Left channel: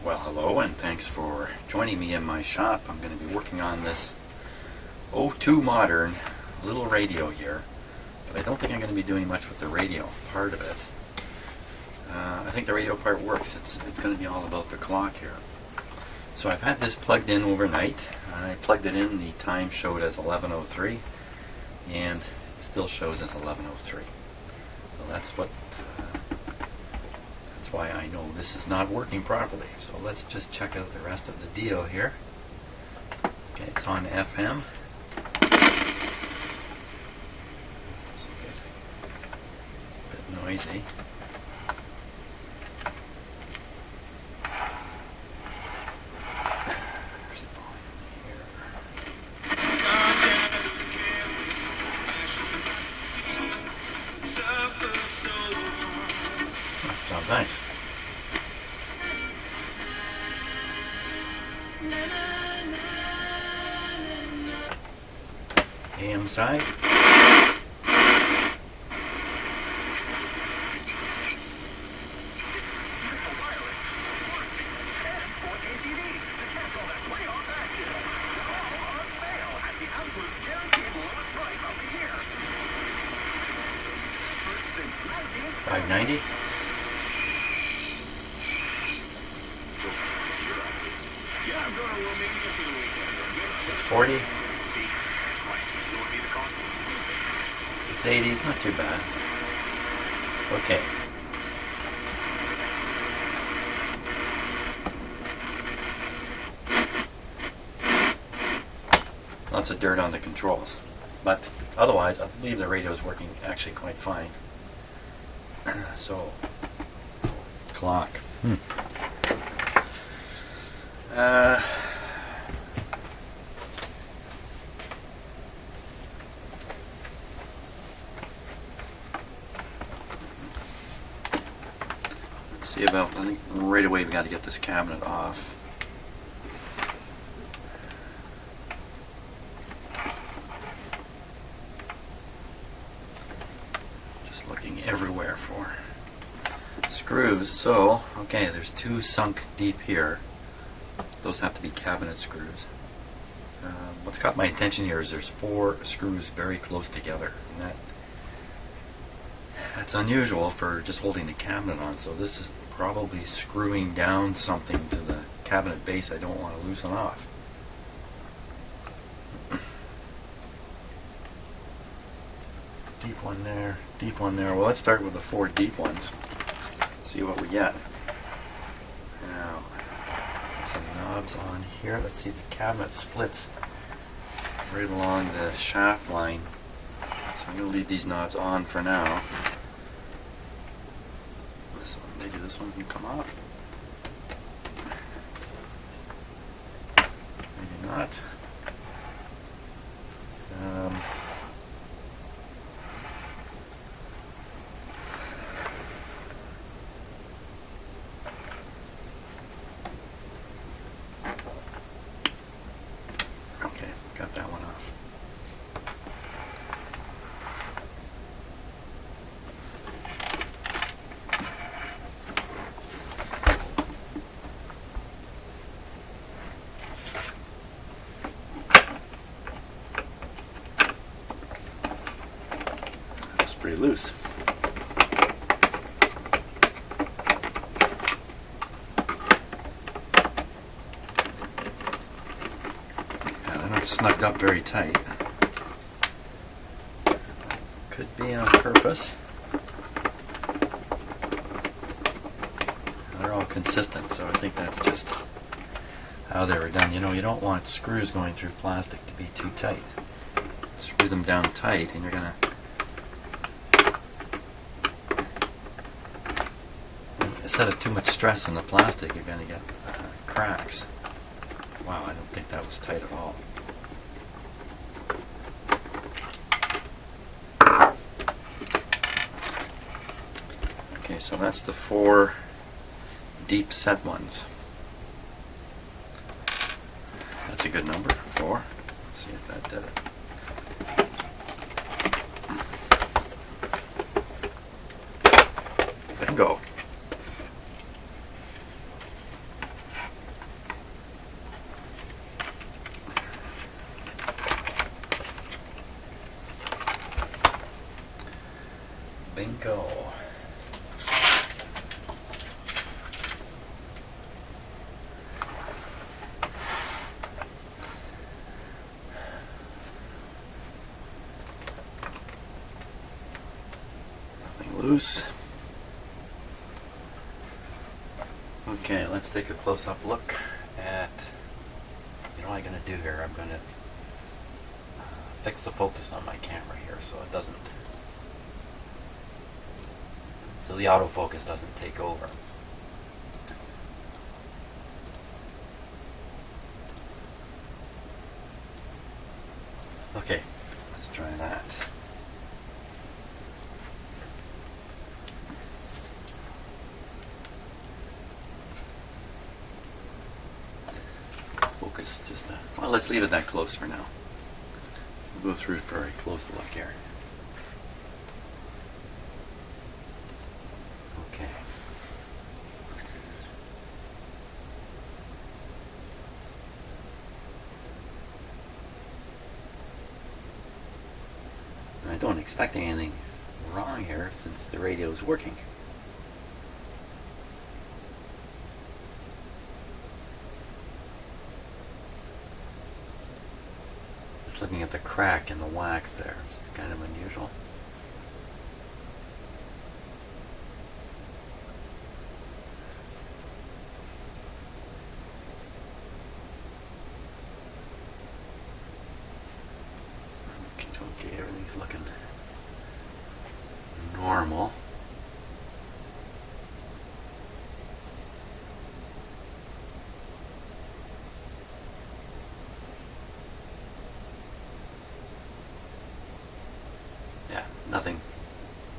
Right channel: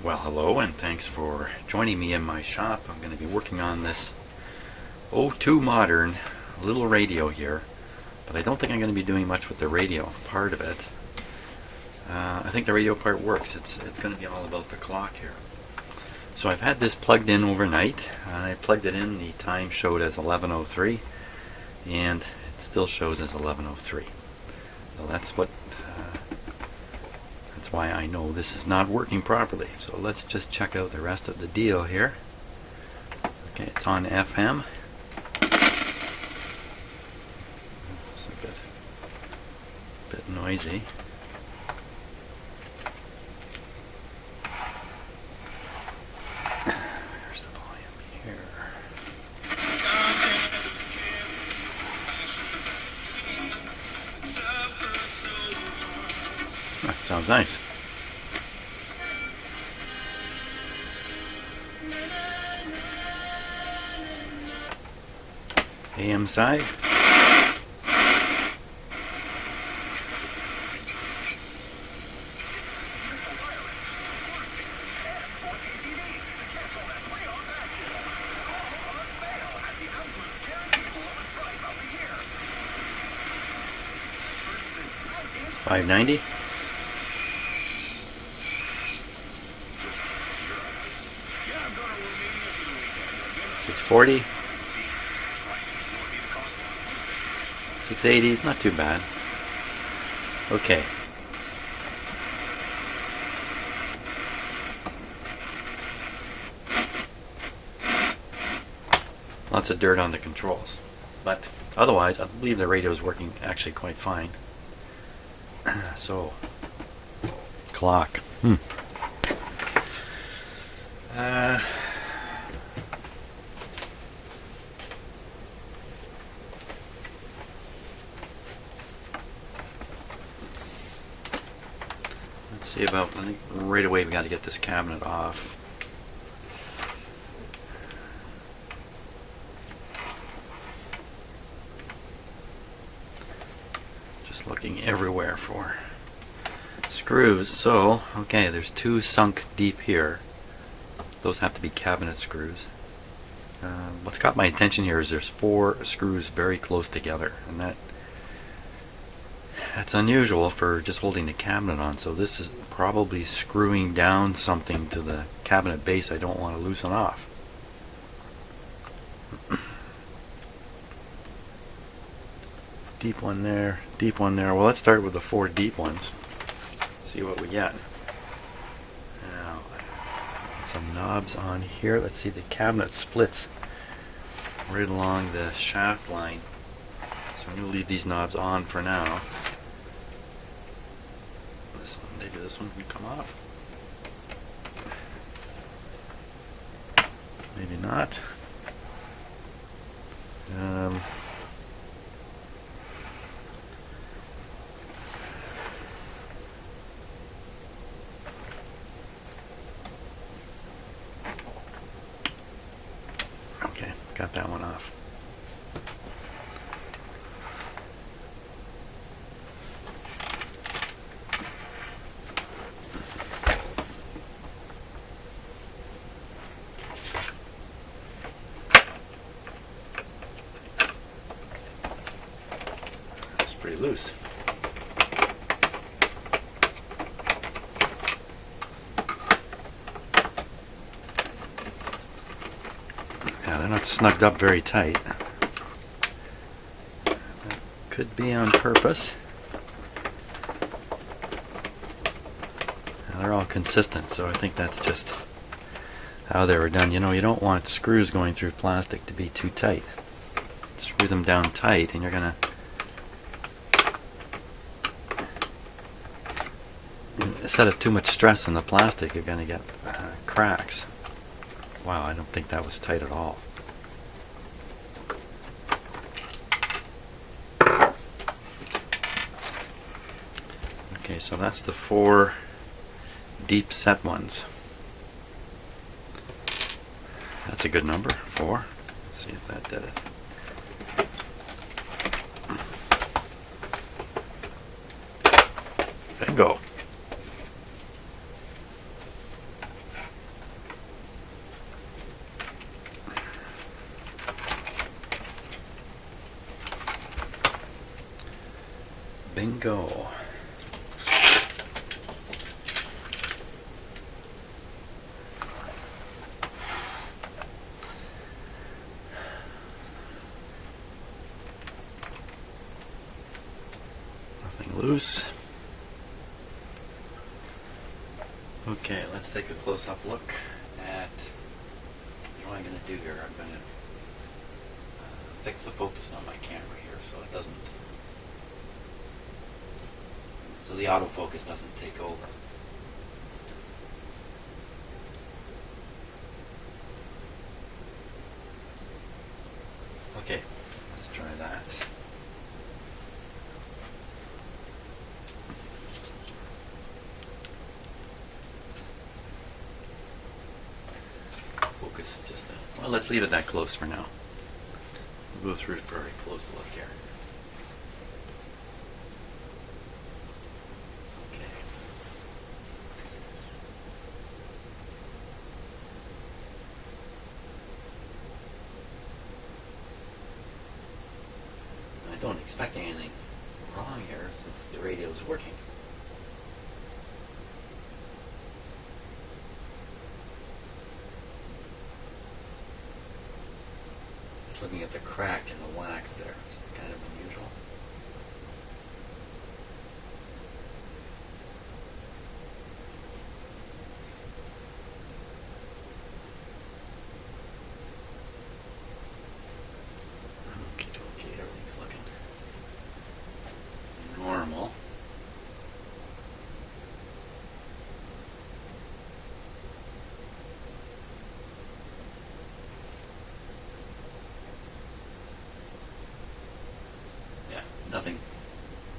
Well, hello, and thanks for joining me in my shop. I'm going to be working on this O2 Modern little radio here, but I don't think I'm going to be doing much with the radio part of it. I think the radio part works. It's going to be all about the clock here. So I've had this plugged in overnight, and I plugged it in. The time showed as 11:03, and it still shows as 11:03. So that's why I know this is not working properly. So let's just check out the rest of the deal here. Okay, it's on FM. It's a bit noisy. There's the volume here. Oh, sounds nice. AM side. $5.90. 640. 680 is not too bad. Okay. Lots of dirt on the controls, but otherwise I believe the radio is working actually quite fine. So, clock. Let's see about, I think right away we got to get this cabinet off. Just looking everywhere for screws. So, okay, there's two sunk deep here. Those have to be cabinet screws. What's caught my attention here is there's 4 screws very close together, and that's unusual for just holding the cabinet on. So this is probably screwing down something to the cabinet base I don't want to loosen off. Deep one there, deep one there. Well, let's start with the 4 deep ones. See what we get. Now, some knobs on here. Let's see, the cabinet splits right along the shaft line. So I'm going to leave these knobs on for now. This one, maybe this one can come off. Maybe not. Okay, got that one off. That's pretty loose. Snugged up very tight. That could be on purpose. Now they're all consistent, so I think that's just how they were done. You know, you don't want screws going through plastic to be too tight. Screw them down tight and you're gonna set of too much stress on the plastic, you're gonna get cracks. Wow, I don't think that was tight at all. Okay, so that's the 4 deep set ones. That's a good number, 4. Let's see if that did it. Bingo. and go. Nothing loose. Okay, let's take a close-up look at what am I going to do here. I'm going to fix the focus on my camera here so it doesn't, so the autofocus doesn't take over. Okay, let's try that. Focus just well, let's leave it that close for now. We'll go through it for a close look here. Okay. I don't expect anything wrong here since the radio is working. Looking at the crack in the wax there, which is kind of unusual. Okay, everything's looking normal.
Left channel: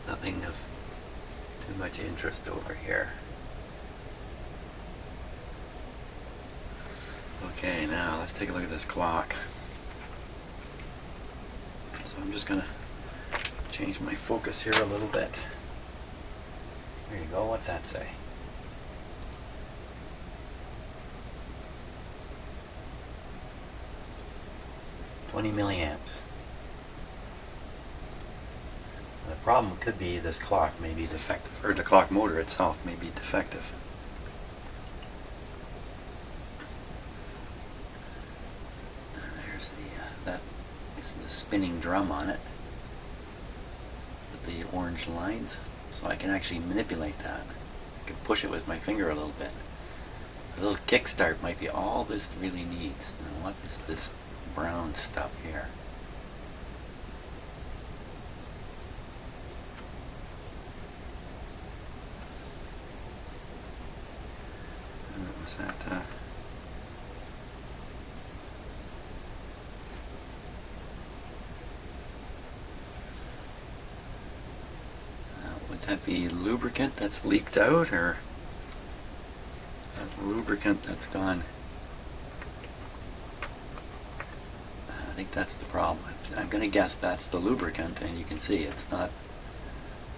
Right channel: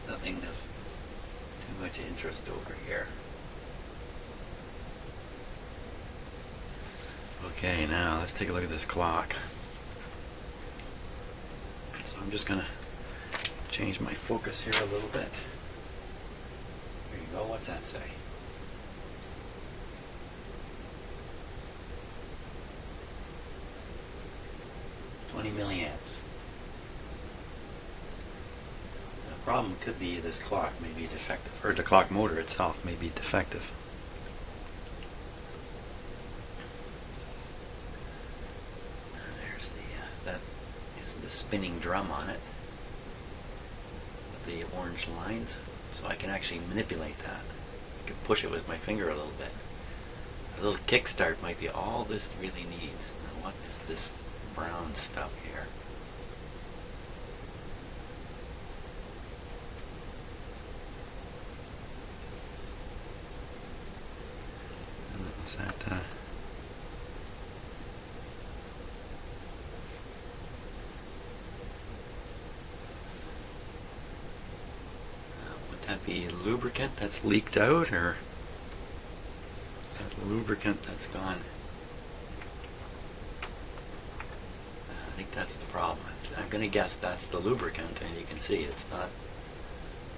Nothing of too much interest over here. Okay, now let's take a look at this clock. So I'm just going to change my focus here a little bit. There you go. What's that say? "20 milliamps. The problem could be this clock may be defective, or the clock motor itself may be defective. There's that is the spinning drum on it with the orange lines, so I can actually manipulate that. I can push it with my finger a little bit. A little kickstart might be all this really needs. Now what is this brown stuff here? Was that would that be lubricant that's leaked out, or is that lubricant that's gone? I think that's the problem. I'm going to guess that's the lubricant, and you can see it's not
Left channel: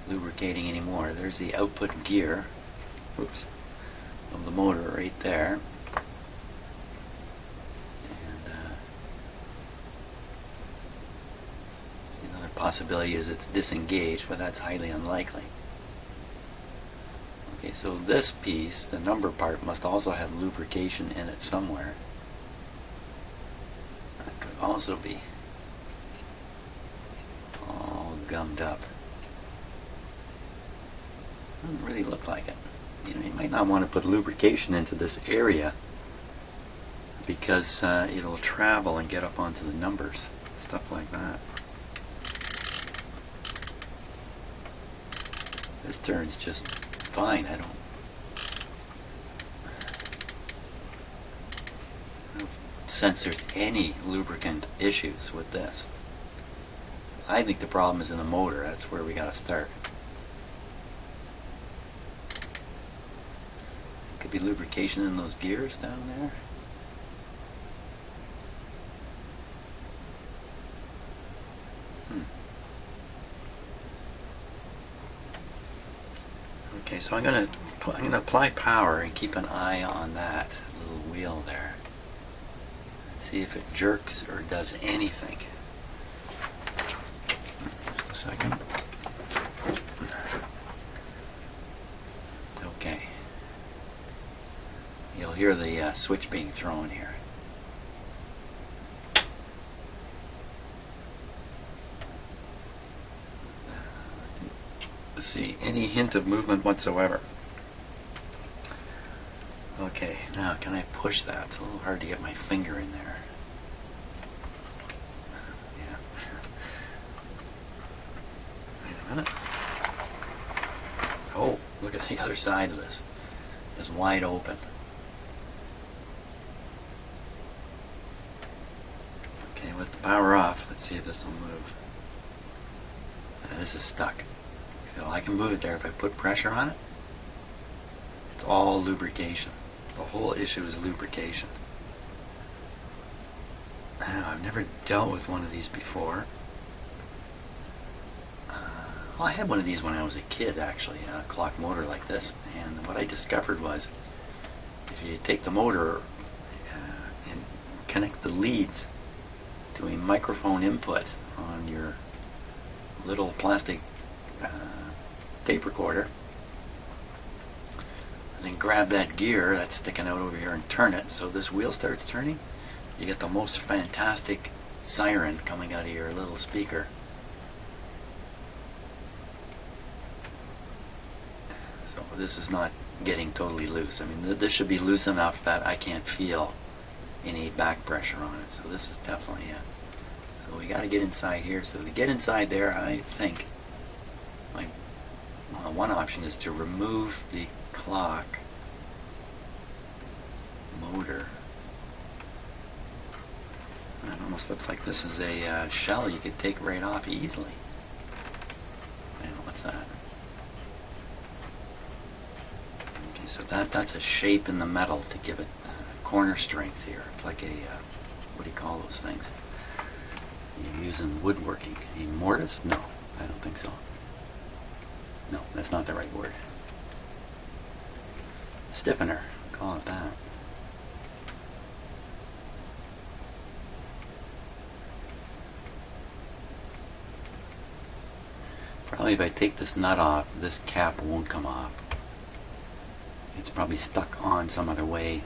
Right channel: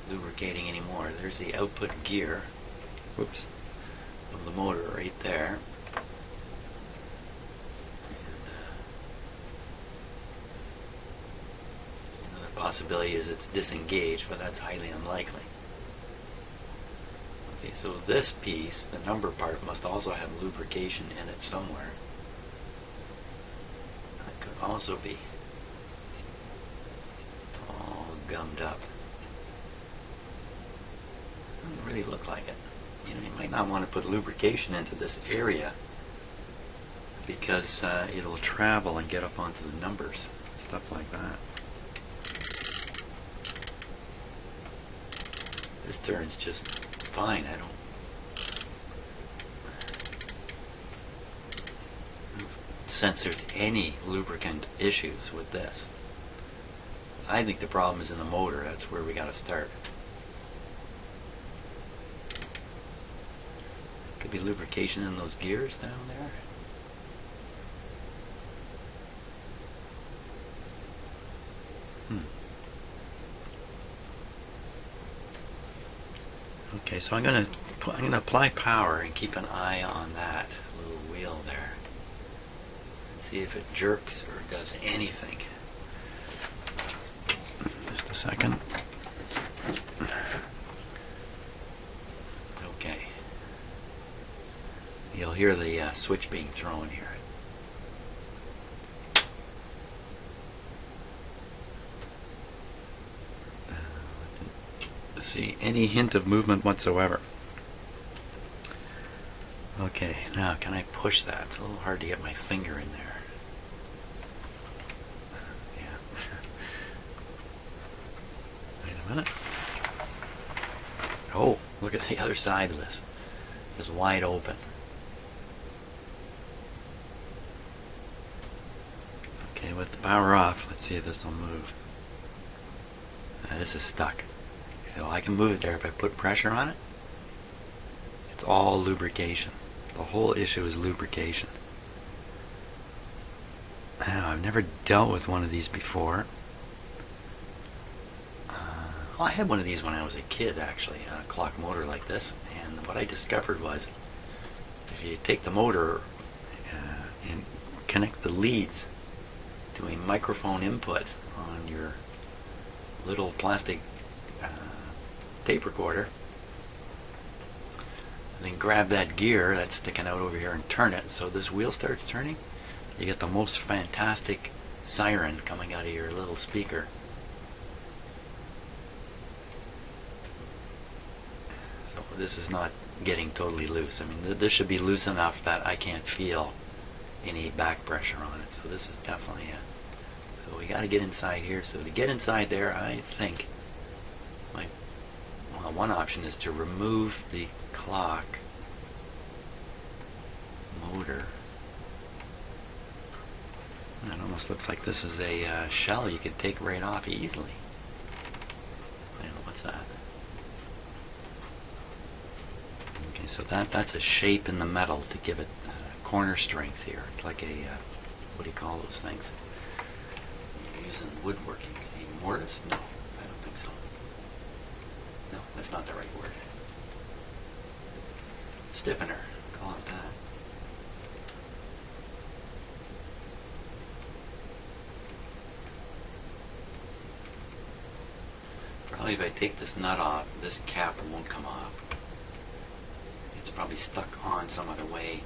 lubricating anymore. There's the output gear. Whoops. Of the motor right there, and another possibility is it's disengaged, but that's highly unlikely. Okay, so this piece, the number part, must also have lubrication in it somewhere. That could also be all gummed up. Doesn't really look like it. You know, you might not want to put lubrication into this area because it'll travel and get up onto the numbers, stuff like that. This turns just fine. I don't sense there's any lubricant issues with this. I think the problem is in the motor. That's where we got to start. Could be lubrication in those gears down there. Okay, so I'm gonna apply power and keep an eye on that little wheel there. And see if it jerks or does anything. Just a second. you'll hear the switch being thrown here. See any hint of movement whatsoever. Okay, now can I push that? It's a little hard to get my finger in there. Yeah. Wait a minute. Oh, look at the other side of this. It's wide open. Okay, with the power off, let's see if this will move. This is stuck. So I can move it there if I put pressure on it. It's all lubrication. The whole issue is lubrication. Now, I've never dealt with one of these before. Well, I had one of these when I was a kid, actually, a clock motor like this. And what I discovered was, if you take the motor and connect the leads to a microphone input on your little plastic tape recorder, and then grab that gear that's sticking out over here and turn it so this wheel starts turning, you get the most fantastic siren coming out of your little speaker. So this is not getting totally loose. I mean, this should be loose enough that I can't feel any back pressure on it. So this is definitely so we got to get inside here. So to get inside there, I think one option is to remove the clock motor. It almost looks like this is a shell you could take right off easily. What's that? Okay, so that's a shape in the metal to give it corner strength here. It's like a, what do you call those things? You're using woodworking. A mortise? No, I don't think so. No, that's not the right word. Stiffener, call it that. Probably if I take this nut off, this cap won't come off. It's probably stuck on some other way.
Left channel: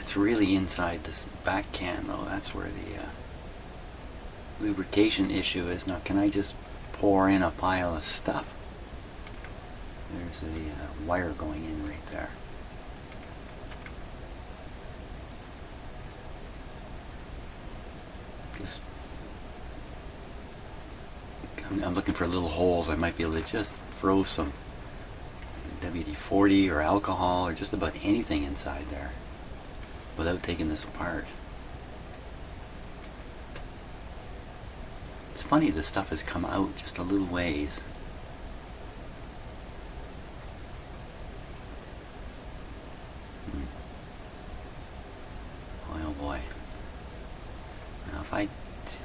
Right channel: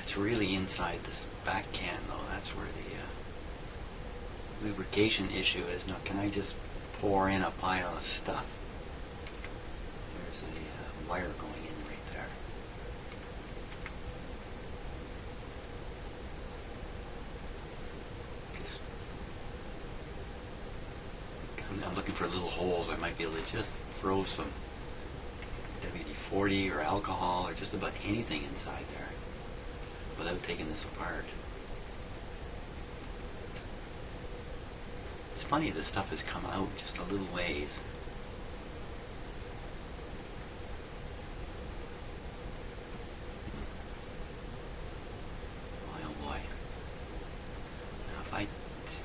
It's really inside this back can though. That's where the lubrication issue is. Now can I just pour in a pile of stuff? There's a wire going in right there. Just, I'm looking for little holes. I might be able to just throw some WD-40 or alcohol or just about anything inside there without taking this apart. It's funny, this stuff has come out just a little ways. Boy, oh boy. Now if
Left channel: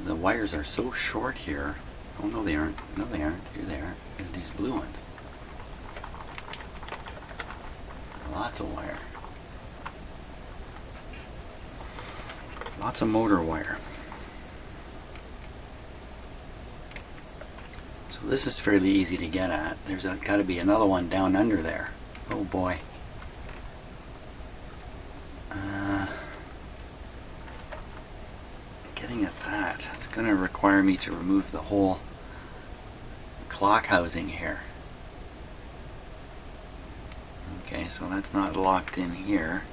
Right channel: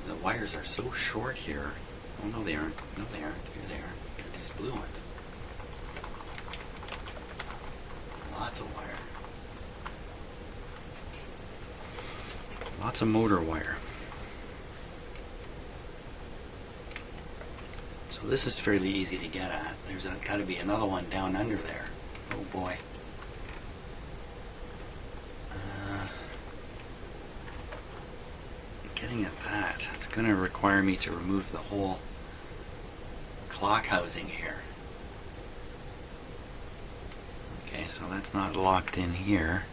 the wires are so short here. Oh no they aren't. No they aren't. Here they are. Here are these blue ones. Lots of wire. Lots of motor wire. So this is fairly easy to get at. There's got to be another one down under there. Oh boy. Getting at that, it's going to require me to remove the whole clock housing here. Okay, so that's not locked in here.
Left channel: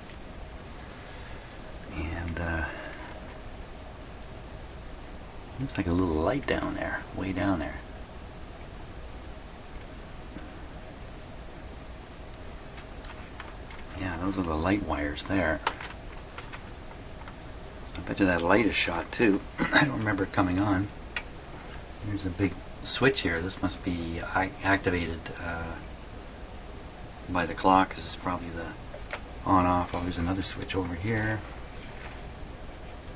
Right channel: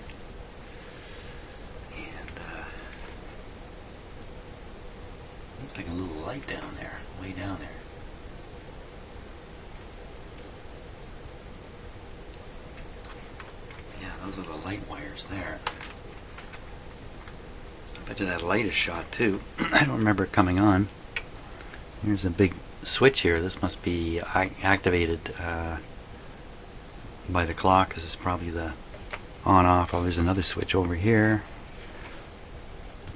And looks like a little light down there, way down there. Yeah, those are the light wires there. So I bet you that light is shot too. I don't remember it coming on. Here's a big switch here. This must be activated by the clock. This is probably the on-off. Oh, there's another switch over here.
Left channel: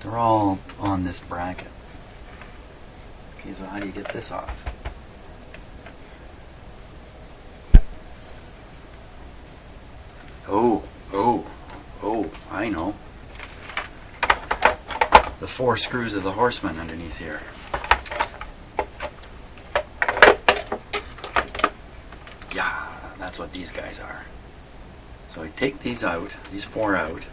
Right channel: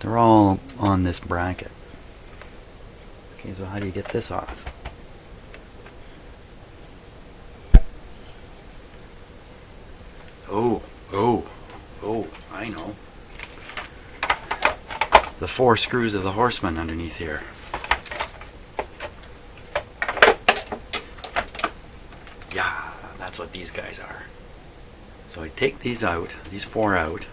They're all on this bracket. Okay, so how do you get this off? Oh, I know. The 4 screws of the Horseman underneath here. Yeah, that's what these guys are. So I take these out, these four out.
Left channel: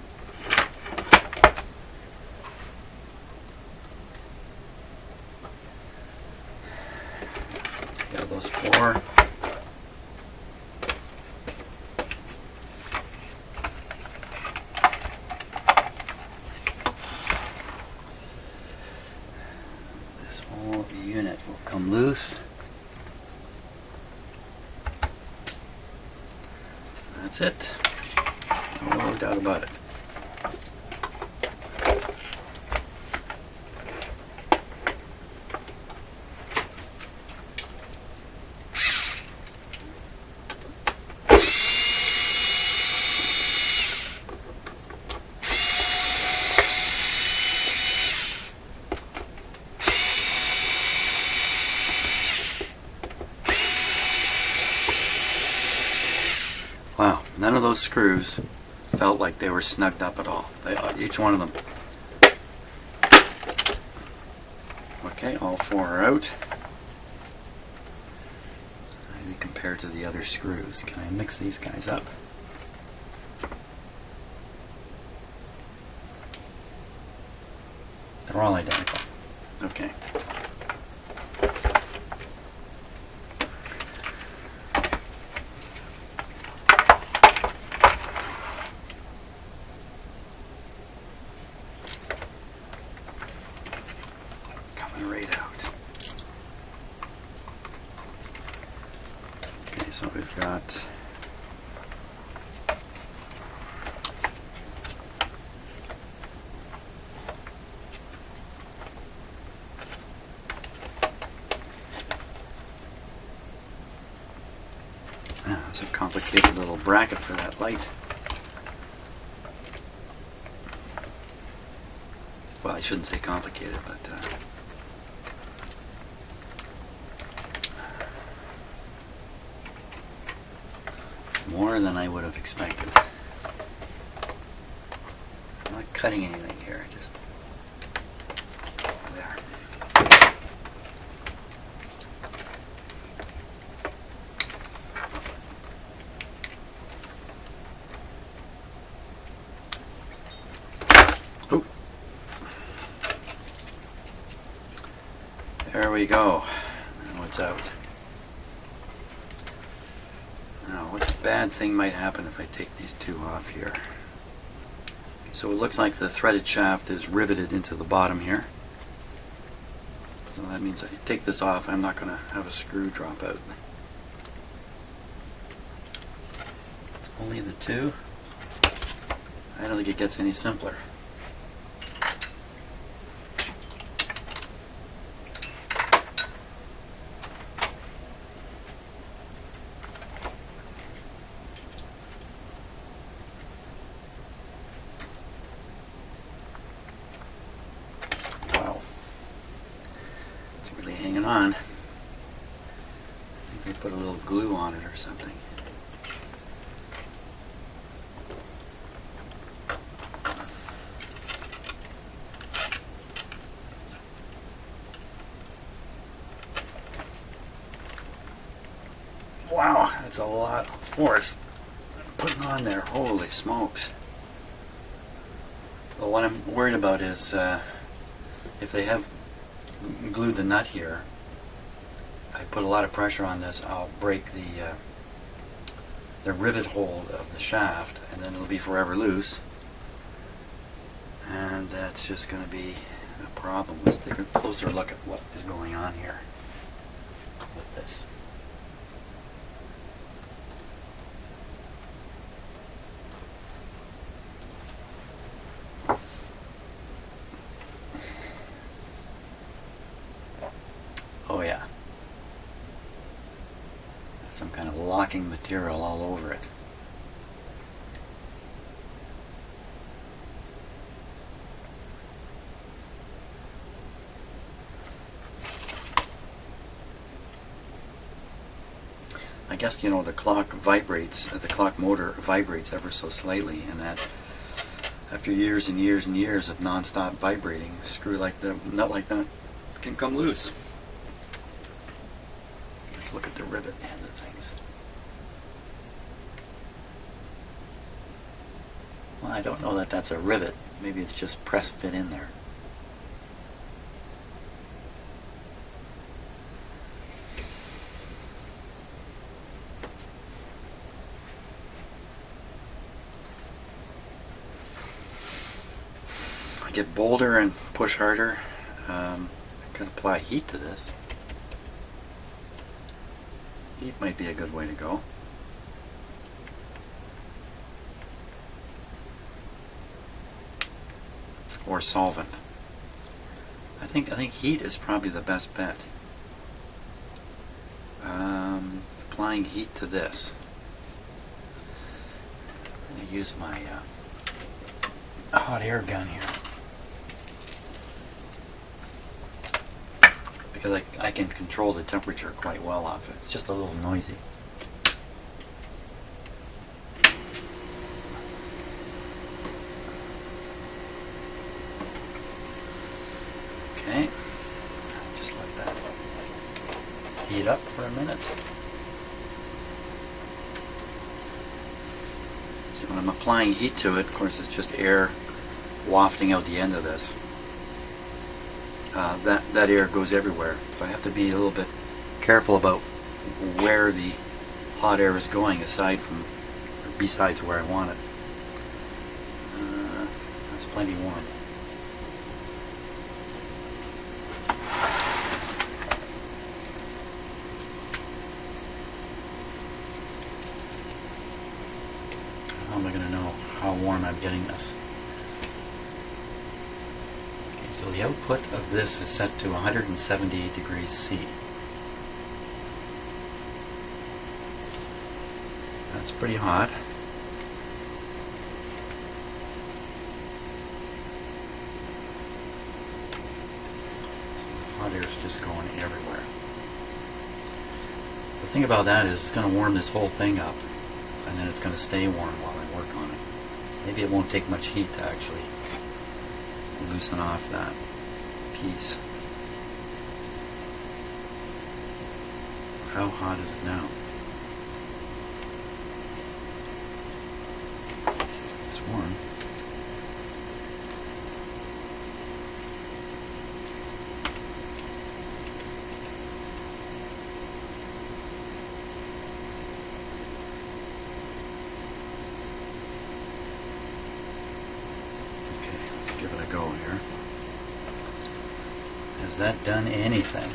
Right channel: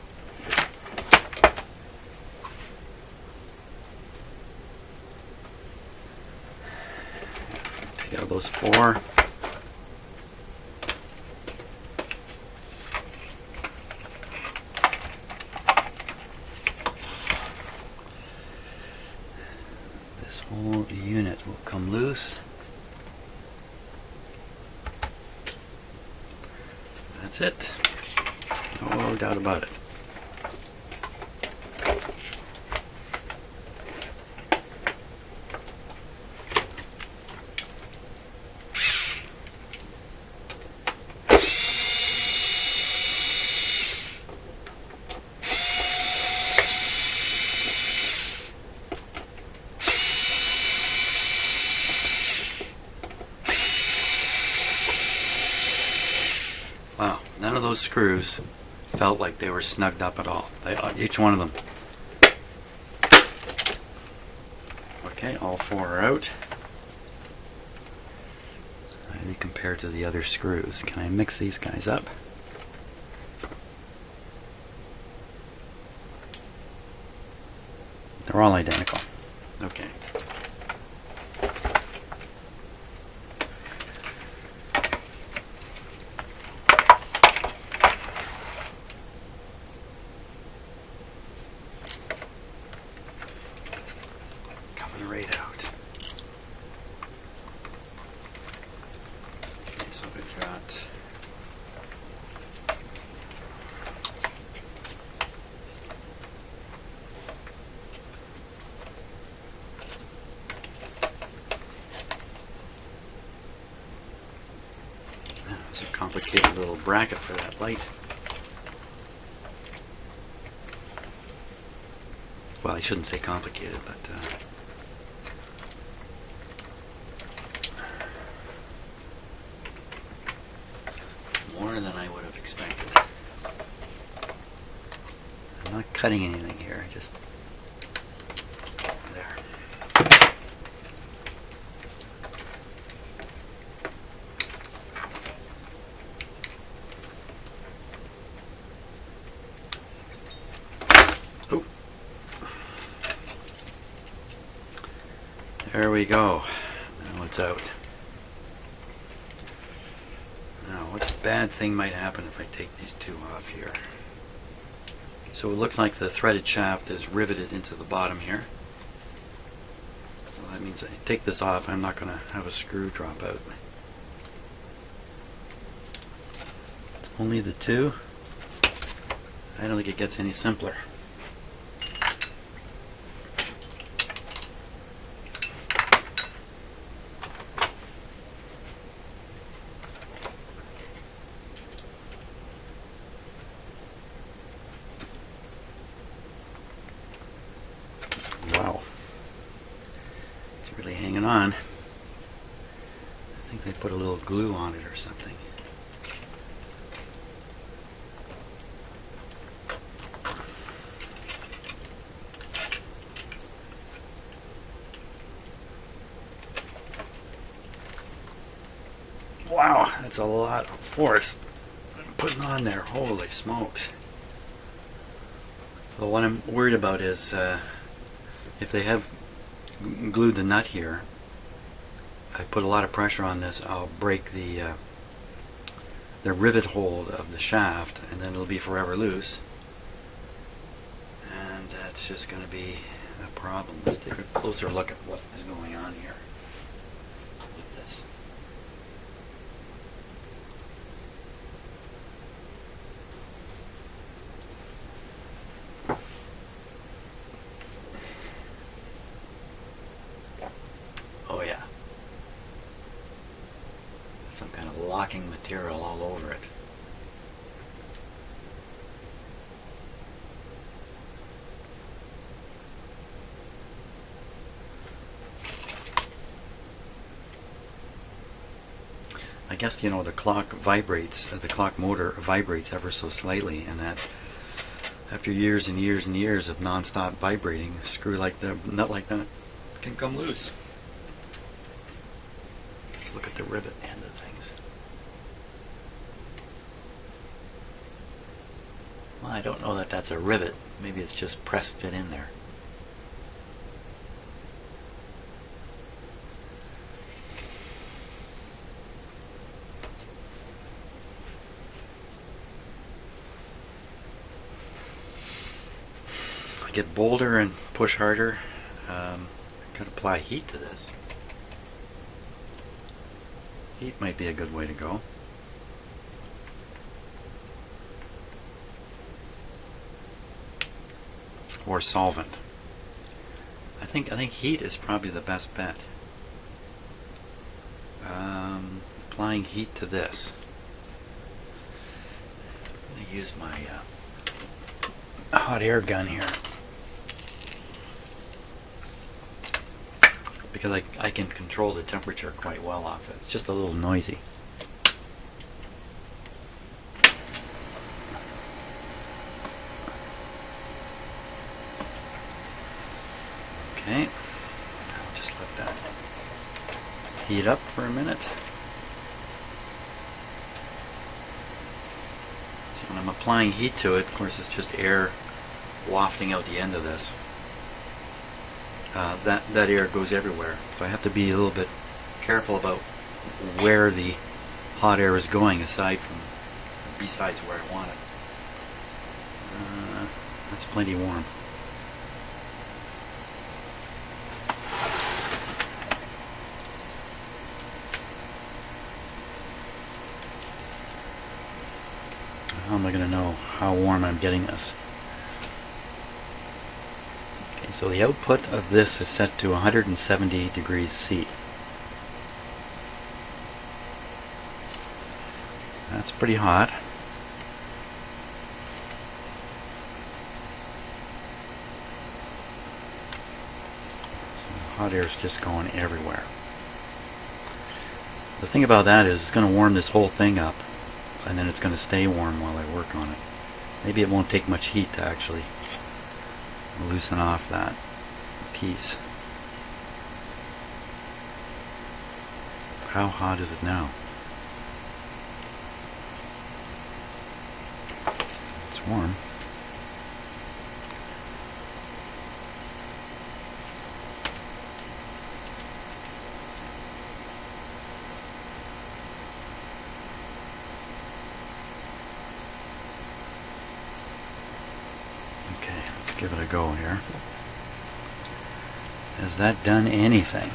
Take out those four. This whole unit will come loose. That's it. No doubt about it. Wow, none of those screws felt like they were snugged up at all. Each one of them. Okay, all four are out. How do they compare to the other screws? Can I mix these guys up? They're all identical. Okay. Right out. Okay, so we've got there's a complicated little bracket for that light. Well, I shouldn't say complicated, but more than I would have expected. I'm not cutting anything here, just there. Oh. There we go. Now it's out. Now, what bad thing might happen if I take these two off here? So it looks like the threaded shaft is riveted into the bottom here. So that means I take this off, I'm not going to have a screw drop out. It's only the two. I don't think it gets any simpler. Really hanging on. I think they put a little glue on it or something. Wow, that's a lot of force I'm putting on there. Holy smokes. Well, what I'm worried about is if they have glued the nut here, I put a lot of pressure on this, I'll break the rivet hold of the shaft, and then it'll be forever loose, and that's just going to be a problem. Let's take a closer look at what is going on here with this. Oh yeah. Some kind of locking material all over it. I guess, you know, the clock vibrates, the clock motor vibrates ever so slightly, and that after years and years and years of non-stop vibrating, a screw like that, nut like that, can come loose. Let's look at the rivet end of things. Well, I don't know that that's a rivet. Maybe it's just press fit in there. Get bolder and push harder. I could apply heat to this. Heat might be a good way to go. Or solvent. I think heat is probably the best bet. Applying heat to this. I'm going to use my hot air gun here, because I can control the temperature quite well off it. It's just a little noisy. Okay, I'll just let that heat up for a minute. See, when I'm applying heat to it, of course it's just air wafting out the end of this. That air goes everywhere, so I have to be a little bit careful about where the hot air is going, besides where I want it. That's plenty warm. How am I going to know how warm I'm getting this? Okay, so the output of this is set to 178 degrees C. That's pretty hot. So the hot air is just going everywhere. The thing about that is it's going to warm this whole thing up, and then it's going to stay warm while I work on it. Maybe it won't take much heat to actually loosen off that piece. How hot is it now? It's warm. Give it a go here. Has that done anything?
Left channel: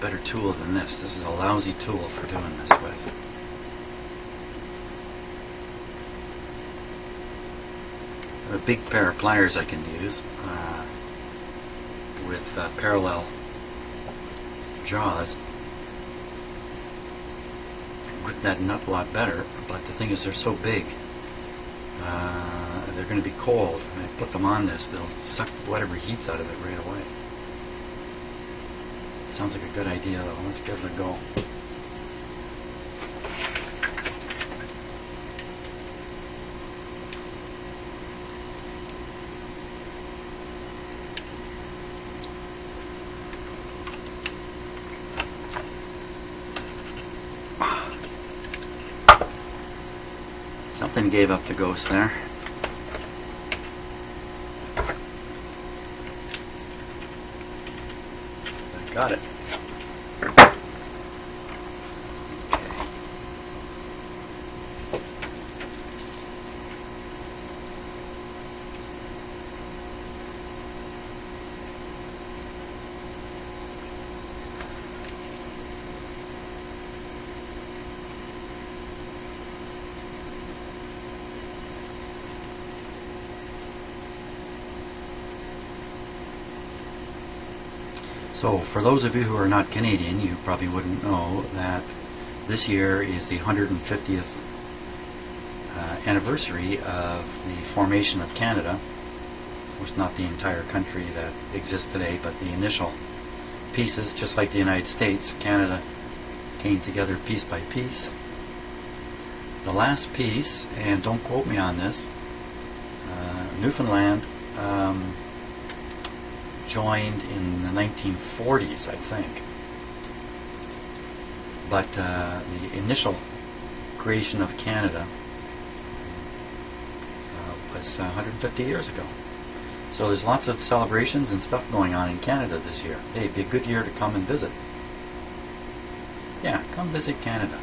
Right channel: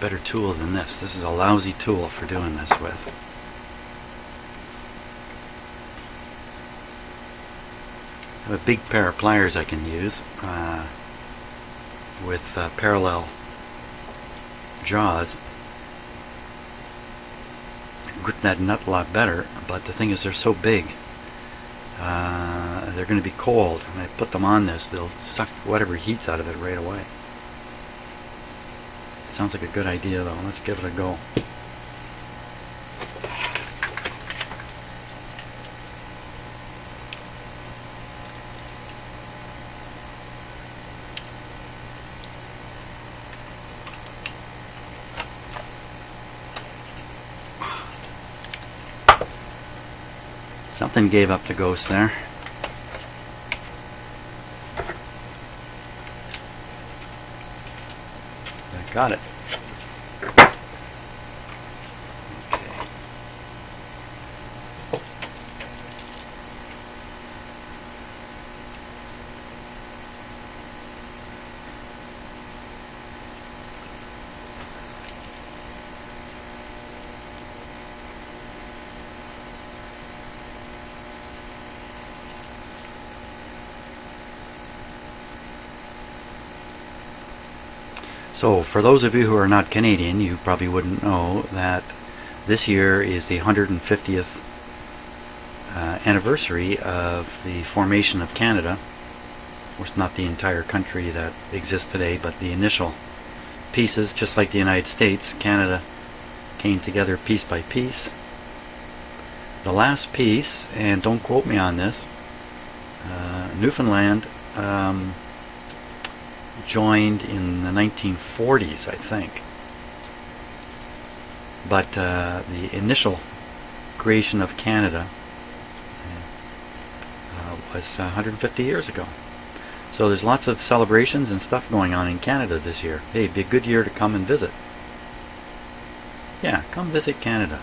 Better tool than this. This is a lousy tool for doing this with. I have a big pair of pliers I can use with parallel jaws. Grip that nut a lot better, but the thing is they're so big. They're going to be cold. When I put them on this, they'll suck whatever heat's out of it right away. Sounds like a good idea though. Let's give it a go. Something gave up the ghost there. I got it. Okay. So for those of you who are not Canadian, you probably wouldn't know that this year is the 150th anniversary of the formation of Canada. Of course, not the entire country that exists today, but the initial pieces. Just like the United States, Canada came together piece by piece. The last piece, and don't quote me on this, Newfoundland joined in the 1940s, I think. But the initial creation of Canada was 150 years ago. So there's lots of celebrations and stuff going on in Canada this year. Hey, it'd be a good year to come and visit. Yeah, come visit Canada.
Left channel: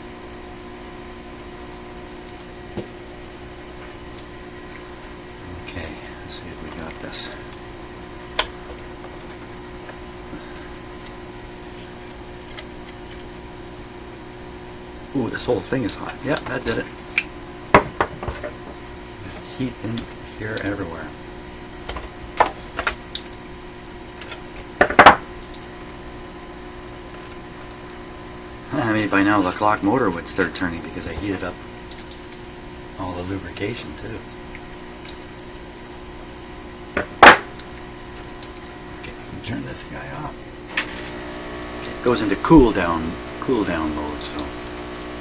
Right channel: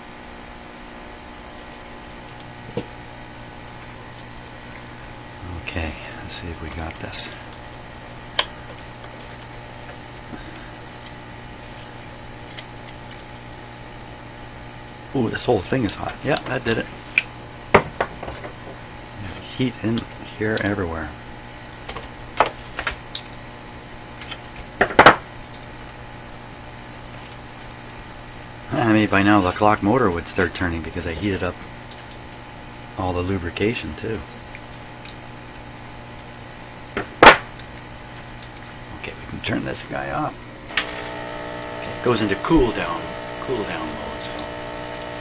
Okay, let's see if we got this. Ooh, this whole thing is hot. Yeah, that did it. Heat in here everywhere. Maybe by now the clock motor would start turning because I heated up all the lubrication too. Okay, we can turn this guy off. Okay, it goes into cool down mode, so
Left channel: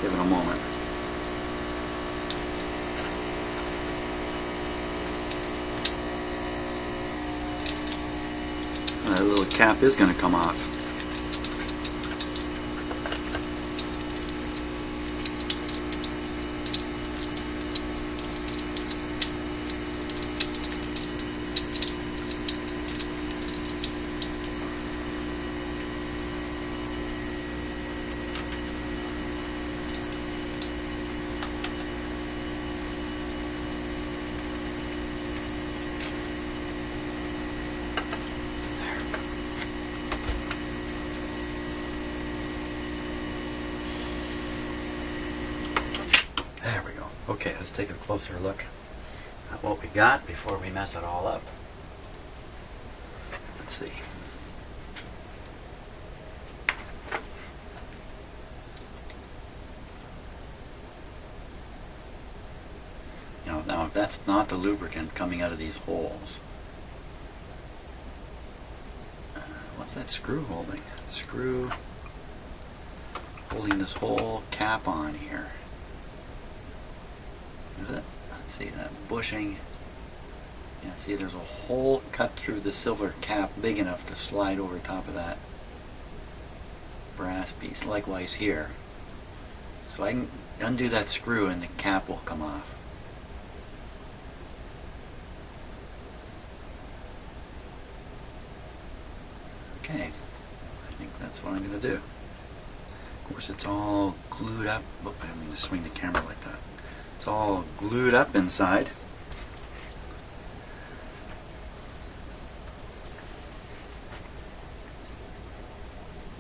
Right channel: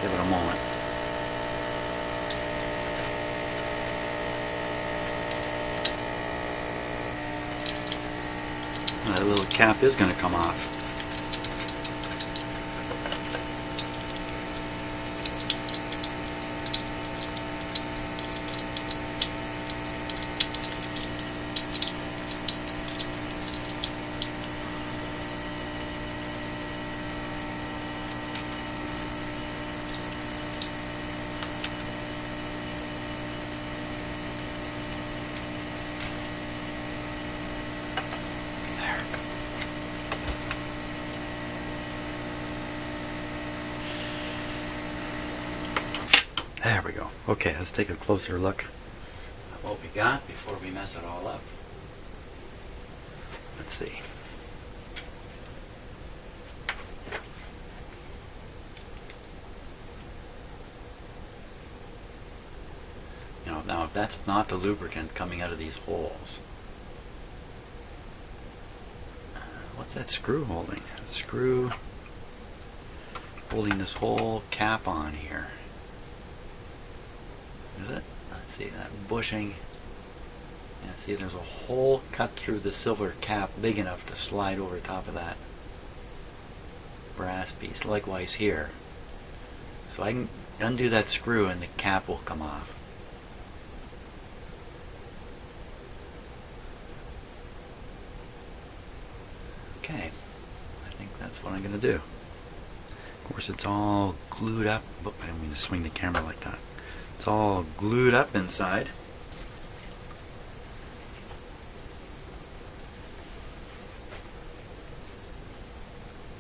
give it a moment. That little cap is going to come off. There we go. Okay, let's take a closer look at what we got before we mess it all up. Let's see. Now if that's not the lubricant coming out of these holes, what's that screw holding? Screw holding this whole cap on here. Is it? Let's see, that bushing. Yeah, see, there's a hole cut through the silver cap big enough to slide over top of that brass piece. Likewise here. So I can undo that screw and the cap will come off. Okay, I think that's what I'm going to do. Of course, it's all glued up. Oh, I didn't mean to swing the camera like that. It's all glued up inside.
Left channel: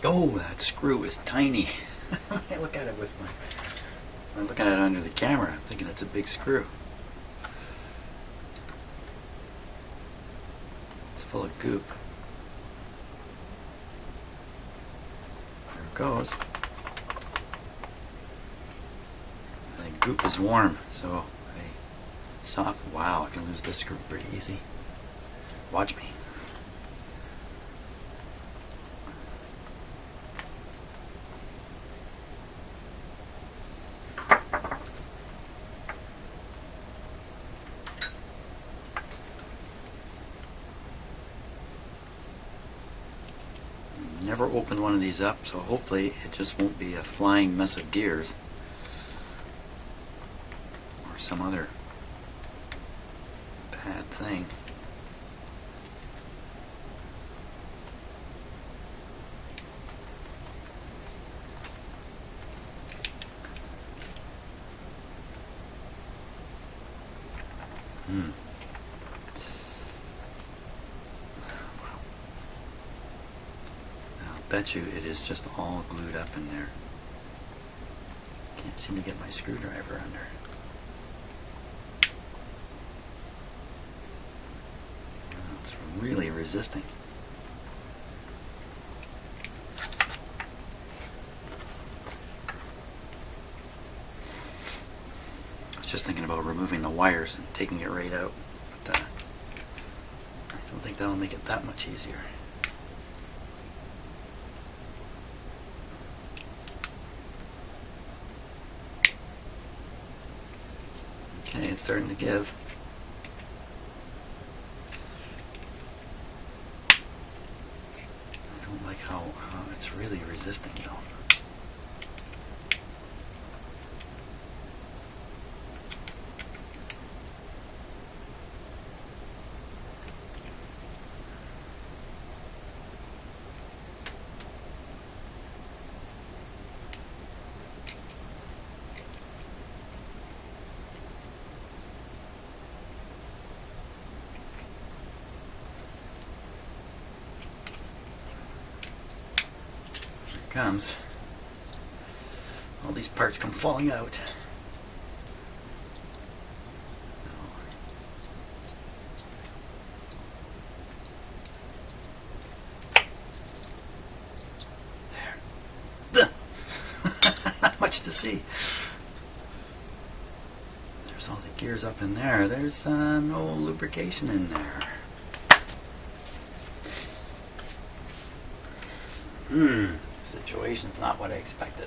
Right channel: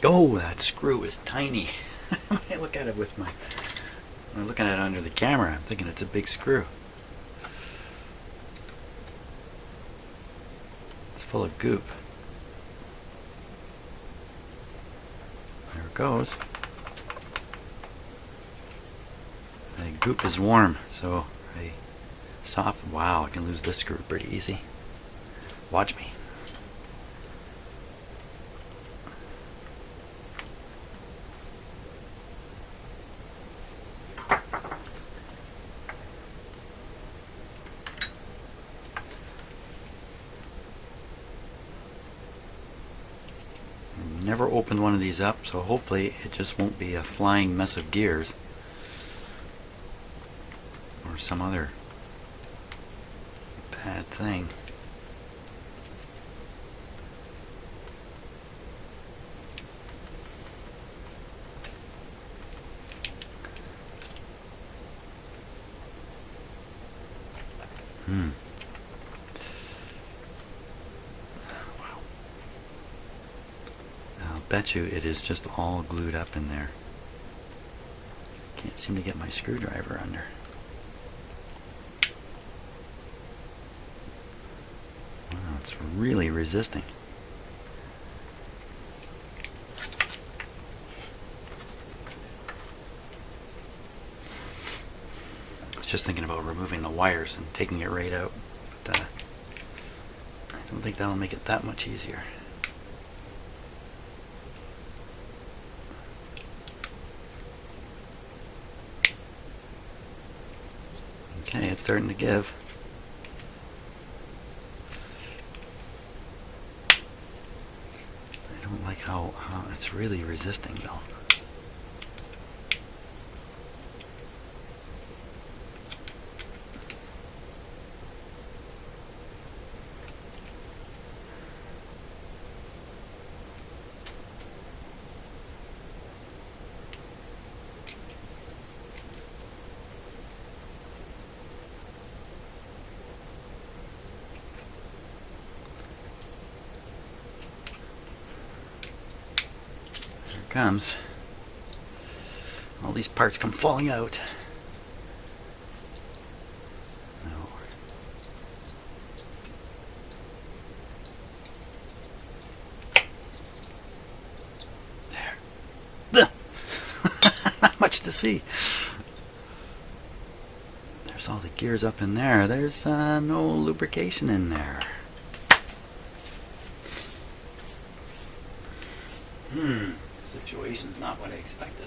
Oh, that screw is tiny. When I look at it when I'm looking at it under the camera, I'm thinking it's a big screw. It's full of goop. There it goes. The goop is warm, so wow, I can lose this screw pretty easy. Watch me. Never opened one of these up, so hopefully it just won't be a flying mess of gears or some other bad thing. Wow. I'll bet you it is just all glued up in there. Can't seem to get my screwdriver under. Wow, it's really resisting. just thinking about removing the wires and taking it right out. But I don't think that'll make it that much easier. Okay, it's starting to give. I don't like how it's really resisting though. Comes. All these parts come falling out. No. There. Not much to see. There's all the gears up in there. There's no lubrication in there. Situation's not what I expected.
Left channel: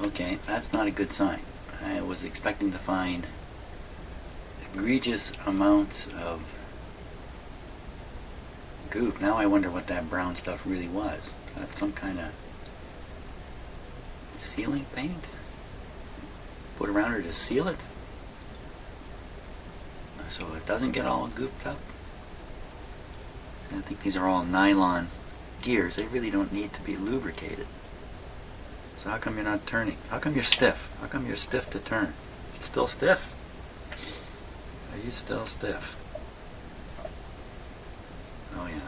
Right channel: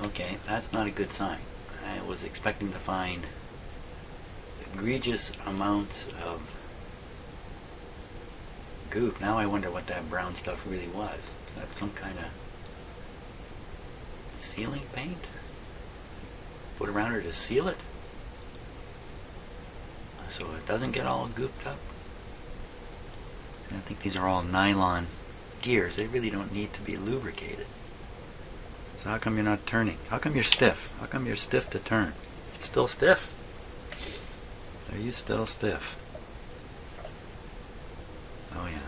Okay, that's not a good sign. I was expecting to find egregious amounts of goop. Now I wonder what that brown stuff really was. Is that some kind of sealing paint? Put around her to seal it so it doesn't get all gooped up. And I think these are all nylon gears. They really don't need to be lubricated. So how come you're not turning? How come you're stiff? How come you're stiff to turn? Still stiff? Are you still stiff? Oh yeah.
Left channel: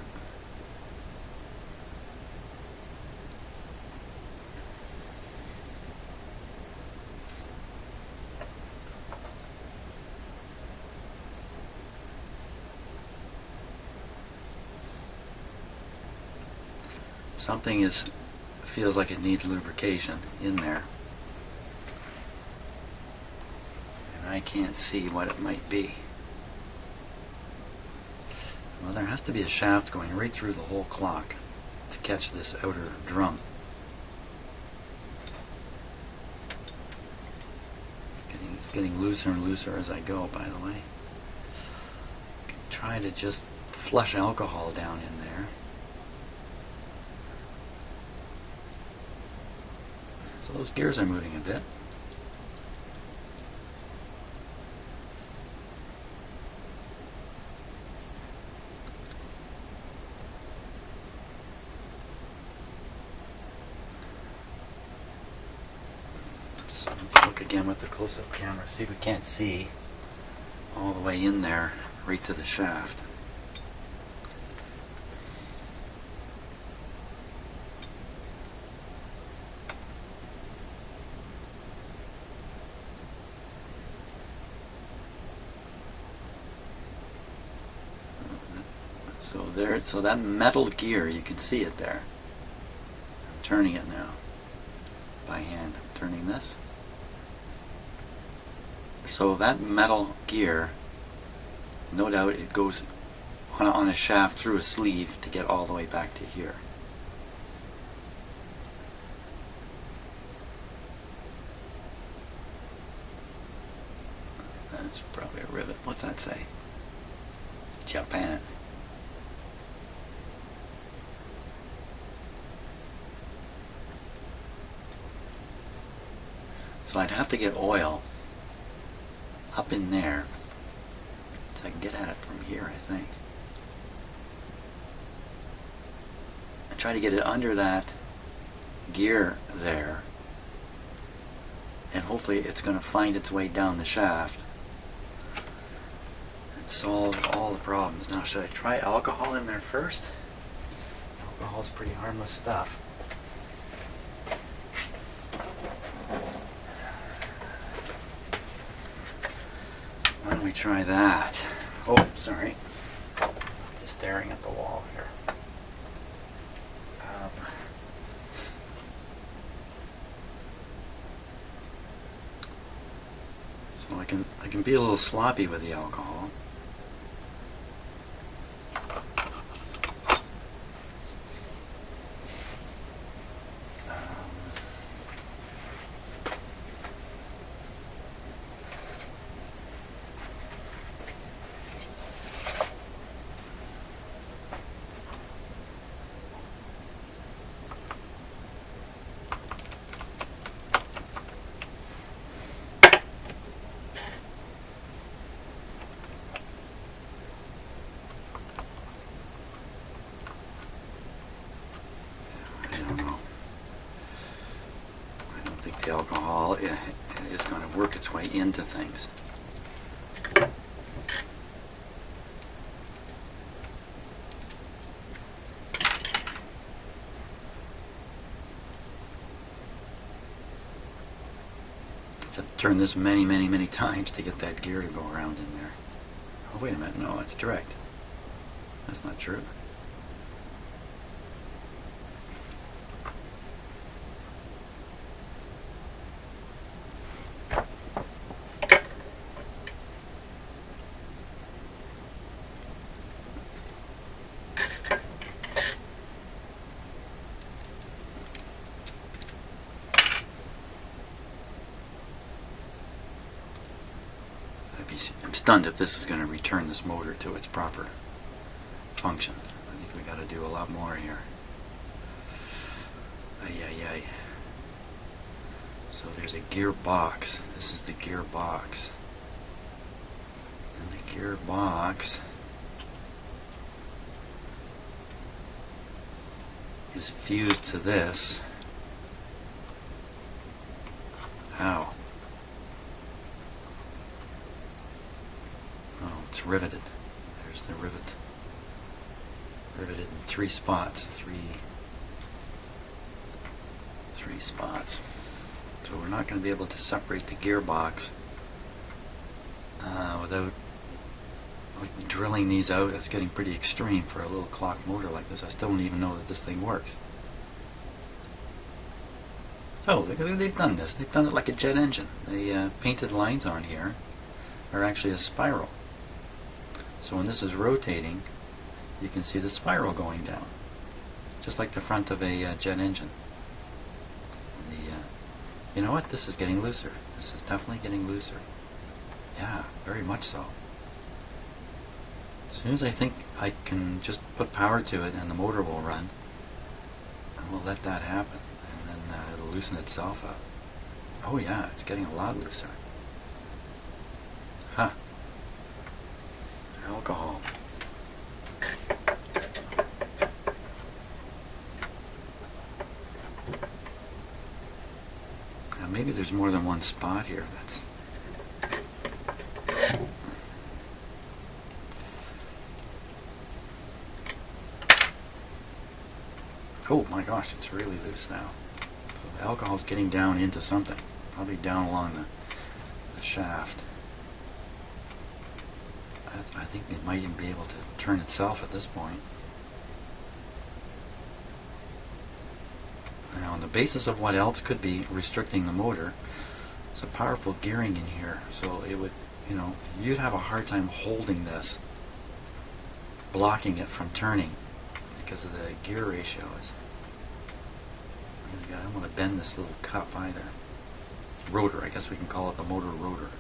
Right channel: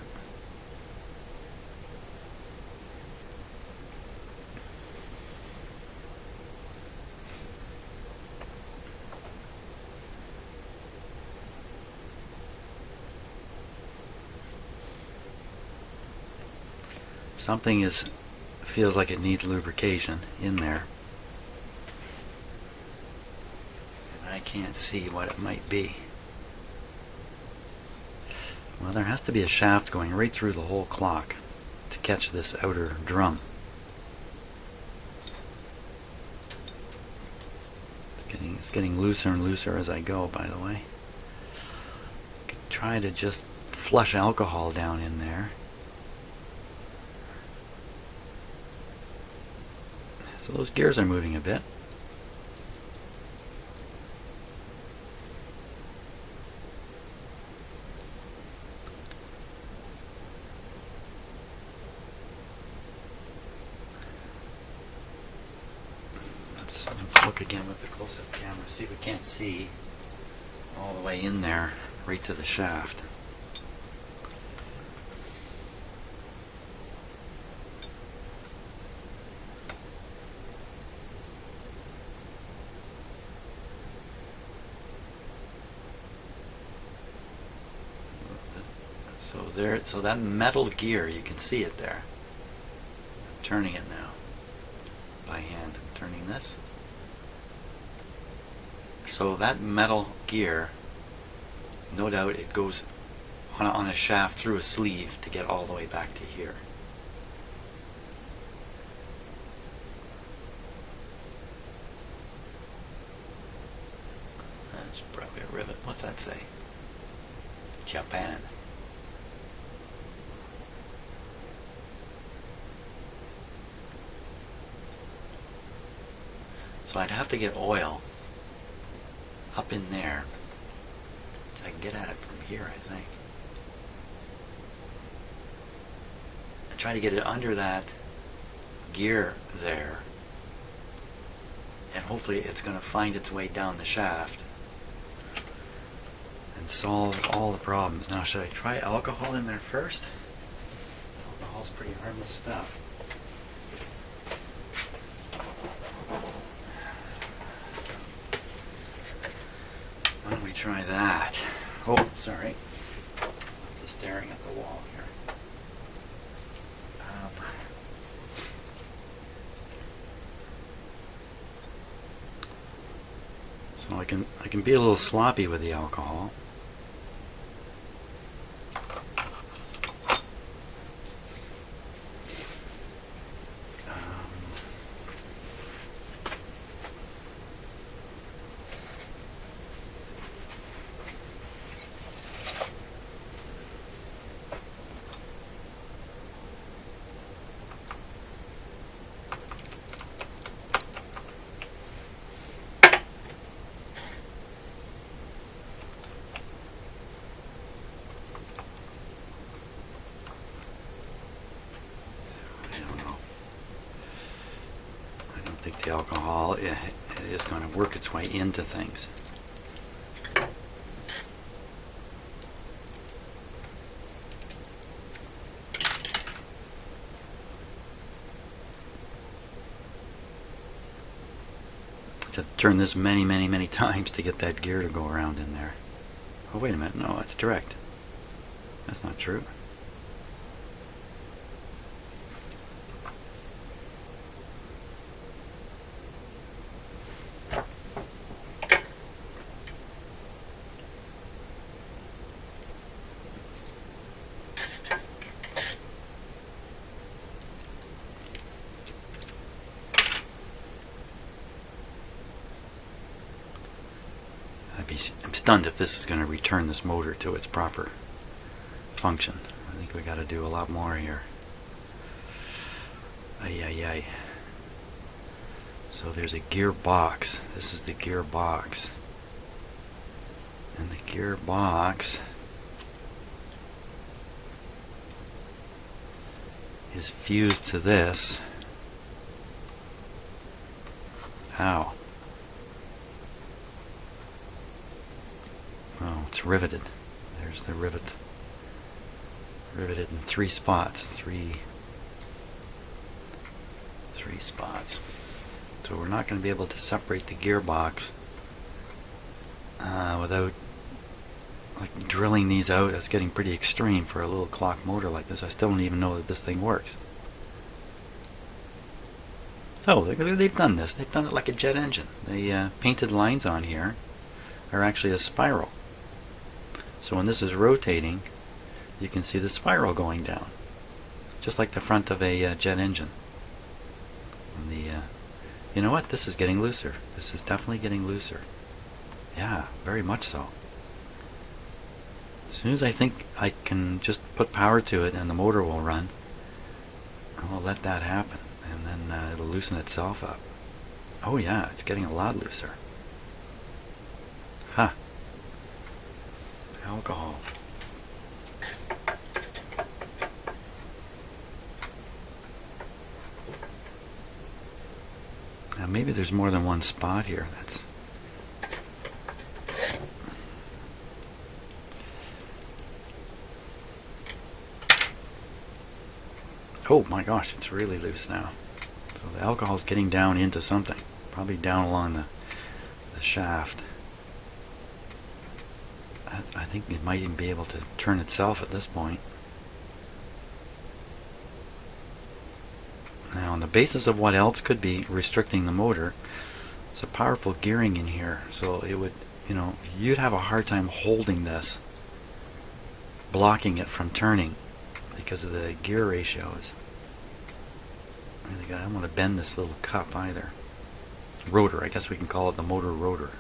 Something feels like it needs lubrication in there, and I can't see what it might be. Well, there has to be a shaft going right through the whole clock to catch this outer drum. It's getting looser and looser as I go, by the way. I could try to just flush alcohol down in there. So those gears are moving a bit. Let's look again with the close-up camera, see if we can't see all the way in there, right to the shaft. So that metal gear, you can see it there. I'm turning it now by hand. I'm turning this. So that metal gear, no doubt it goes on a shaft through a sleeve to get all the way back to here. That's probably a rivet. What's that say? Japan. So I'd have to get oil up in there so I can get at it from here, I think. And try to get it under that gear there, and hopefully it's going to find its way down the shaft and solve all the problems. Now, should I try alcohol in there first? Alcohol's pretty harmless stuff. Why don't we try that? Oh, sorry. Just staring at the wall here. So I can be a little sloppy with the alcohol. I think the alcohol is going to work its way into things. I have to turn this many times to get that gear to go around in there. Oh, wait a minute. No, it's direct. That's not true. I'm stunned if this is going to return this motor to its proper function. I think we got to do a lot more here. Ay. So there's a gearbox. This is the gearbox. And the gearbox is fused to this. How? Oh, it's riveted. There's the rivet. Riveted in three spots. Three spots. So we're not going to be able to separate the gearbox without like drilling these out. That's getting pretty extreme for a little clock motor like this. I still don't even know that this thing works. Oh, they've done this. They've done it like a jet engine. The painted lines on here are actually a spiral. So when this is rotating, you can see the spiral going down, just like the front of a jet engine. And you know what? This is getting looser. This is definitely getting looser. Yeah, very much so. As soon as I think I can just put power to it and the motor will run, I will let that happen, and then it'll loosen itself up. Oh yeah, it's getting a lot looser. Huh. Alcohol. Now maybe there's more than one spot here. That's oh my gosh, it's really loose now. So the alcohol's getting down into something, probably down along the shaft. I think it might even be able to turn itself at this point. Now, on the basis of what else could be restricting the motor, it's a powerful gearing in here, so it would, you'd have a hard time holding this, blocking it from turning because of the gear ratios. I don't want to bend this little cup either. Rotor, I guess we can call it the motor rotor.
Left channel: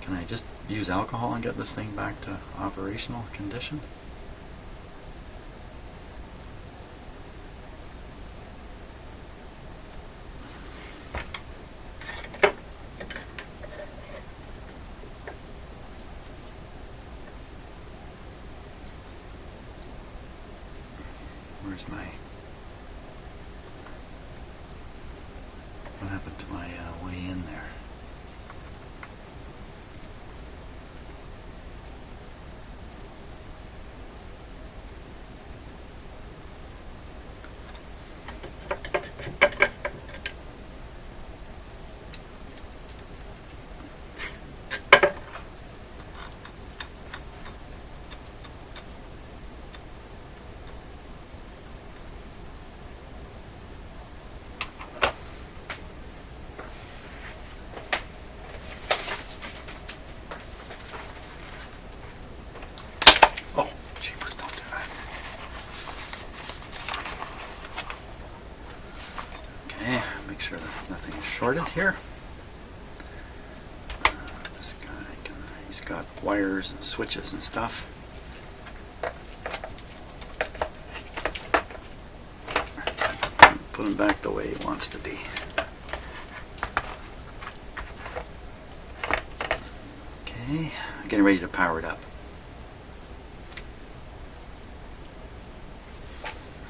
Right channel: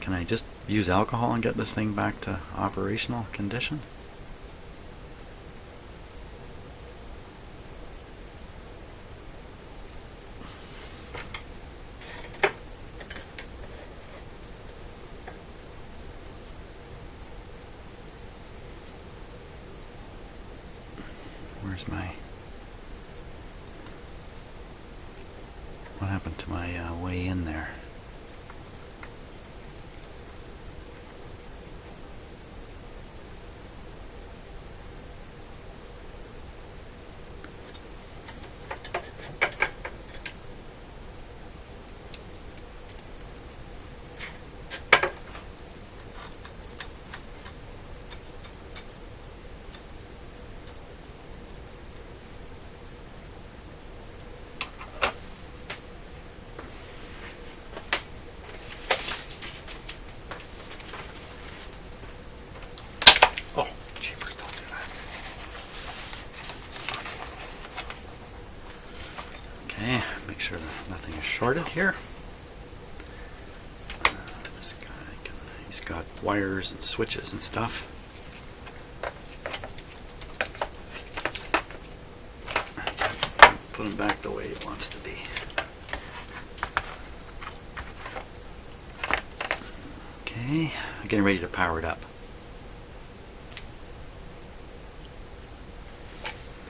Can I just use alcohol and get this thing back to operational condition? Where's my... What happened to my way in there? Okay, make sure that nothing is shorted here. This guy he's got wires and switches and stuff. Put him back the way he wants to be. Okay, I'm getting ready to power it up.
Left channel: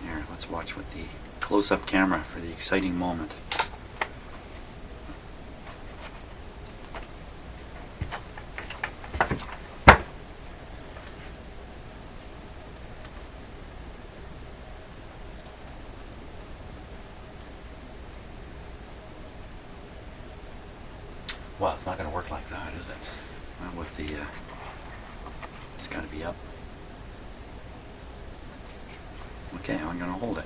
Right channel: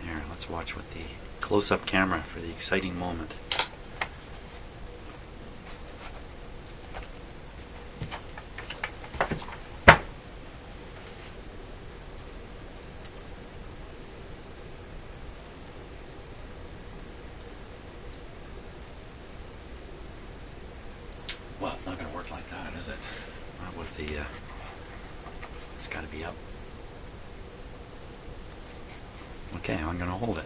Here, let's watch with the close-up camera for the exciting moment. Well, it's not going to work like that, is it? Not with the, it's got to be up. Okay, I'm going to hold it.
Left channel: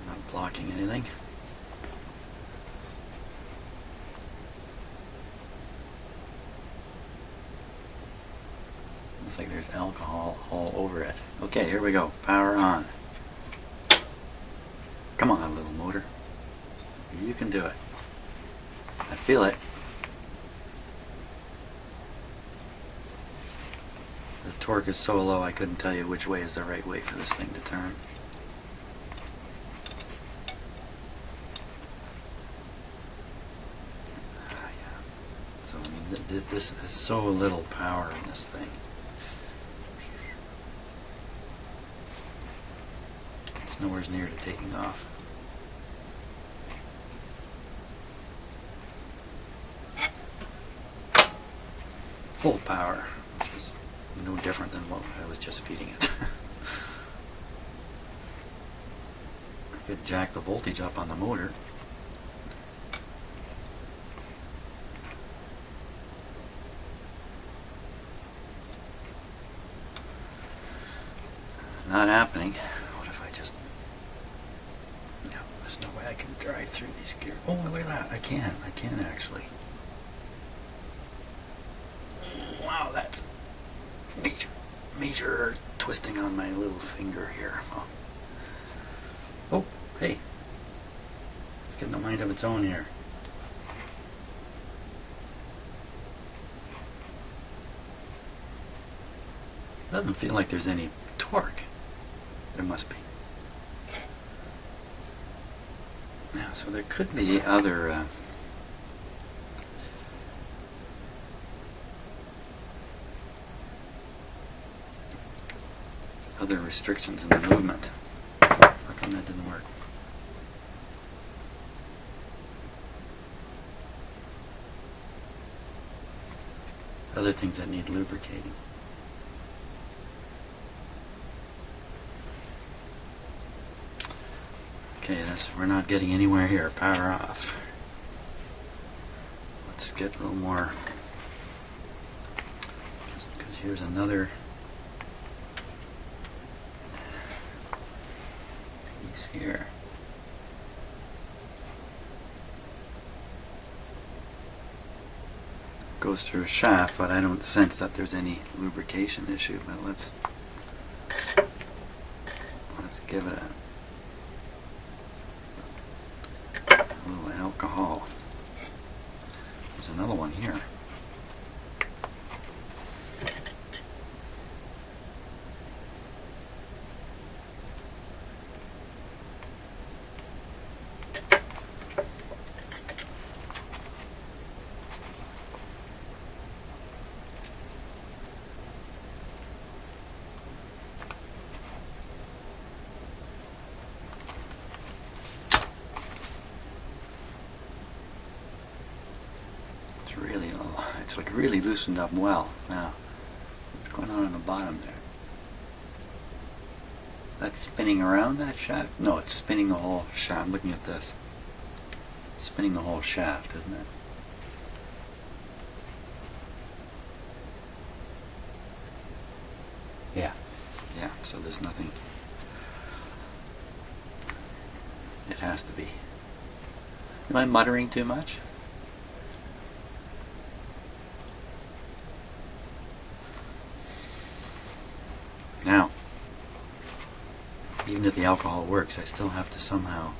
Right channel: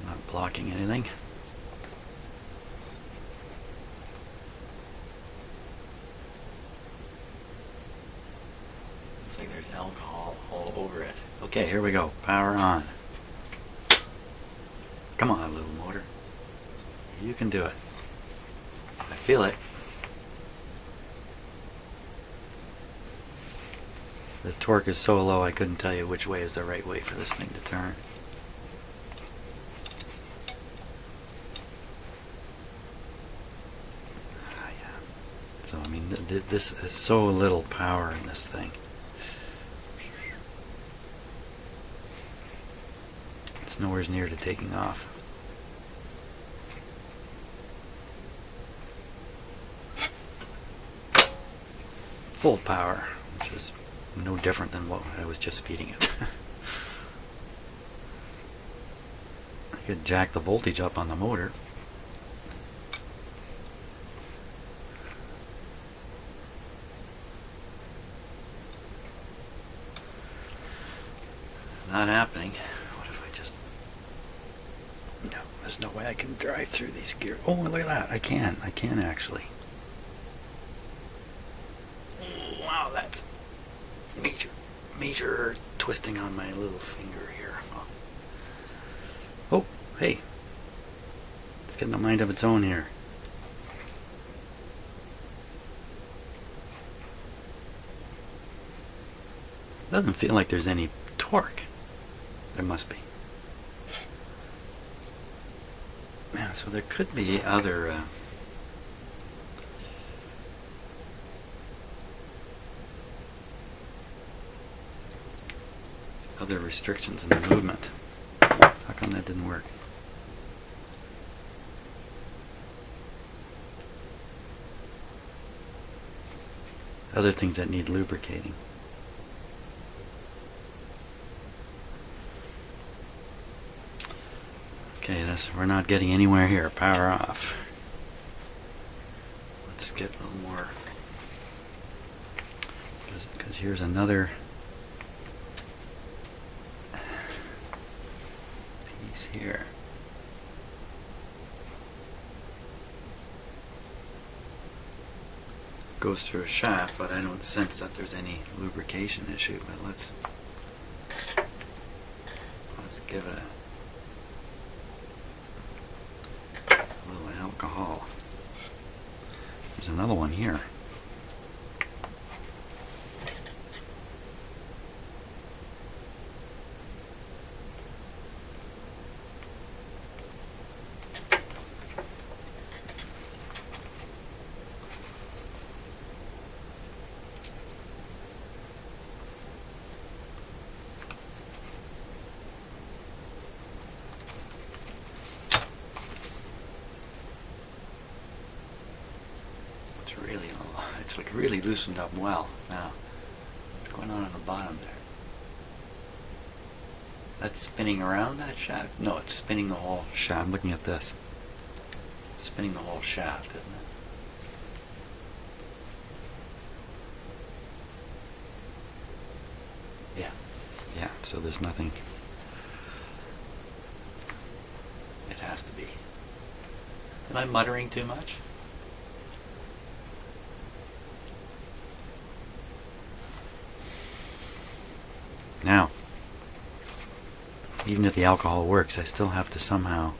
I'm not blocking anything. Looks like there's alcohol all over it. Okay, here we go. Power on. Come on, little motor. You can do it. I feel it. The torque is so low I couldn't tell you which way is the right way for this thing to turn. Yeah. So I mean, this is so little power in this thing. It's nowhere near to taking off. Full power, which is no different than what I was just feeding it. I could jack the voltage up on the motor. Not happening. What if I just... No, there's no way I can drive through these gears. Oh, look at that. I can actually. Wow, that's major twisting on my little finger here. Oh, hey. It's getting a mind of its own here. Doesn't feel like there's any torque. There must be. Yeah, so there could be other restrictions in the movement. How come that didn't work? Other things that need lubricating. Okay, we're not getting anywhere here. Power off. Let's get a little more, because here's another piece here. Goes through a shaft, but I don't sense that there's any lubrication issue. But let's give it a little alcohol. There's another one here. It's like really loosened up well. Now, what's going on the bottom there? That's spinning around that shaft? No, it's spinning the whole shaft. I'm looking at this. It's spinning the whole shaft, isn't it? Yeah. Yeah, so there's nothing. It has to be. Am I muttering too much? Now, even if the alcohol works, I still have to somehow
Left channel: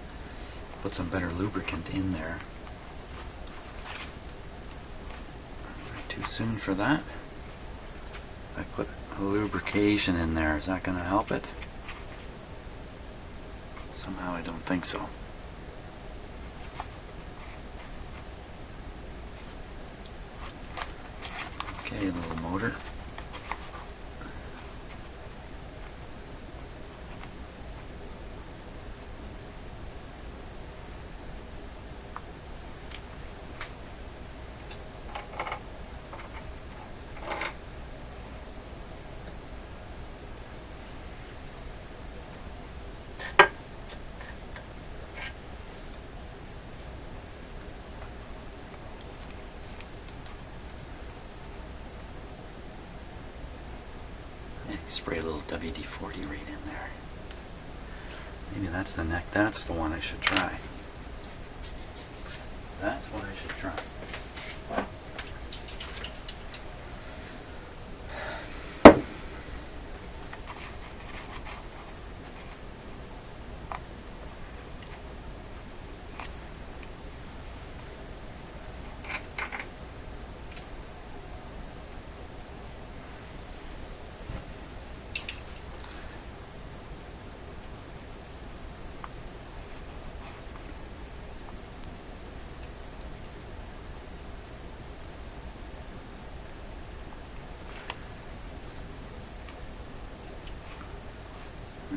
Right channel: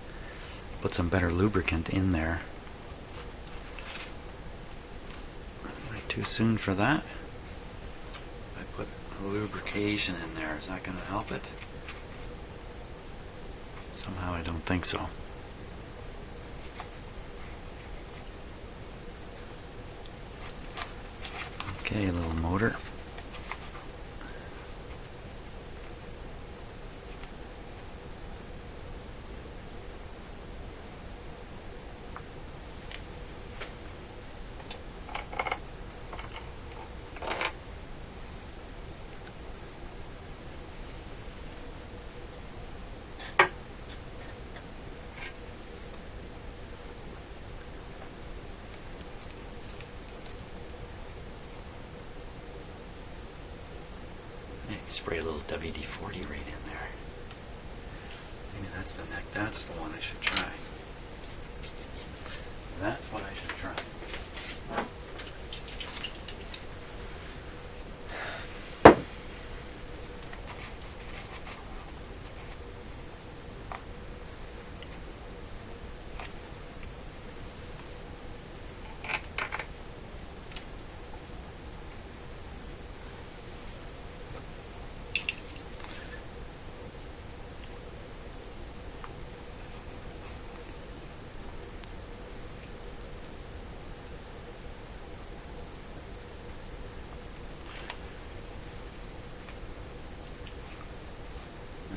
put some better lubricant in there. Too soon for that. I put a lubrication in there. Is that going to help it? Somehow I don't think so. Okay, little motor. Spray a little WD-40 right in there. Maybe that's the neck. That's the one I should try. That's what I should try.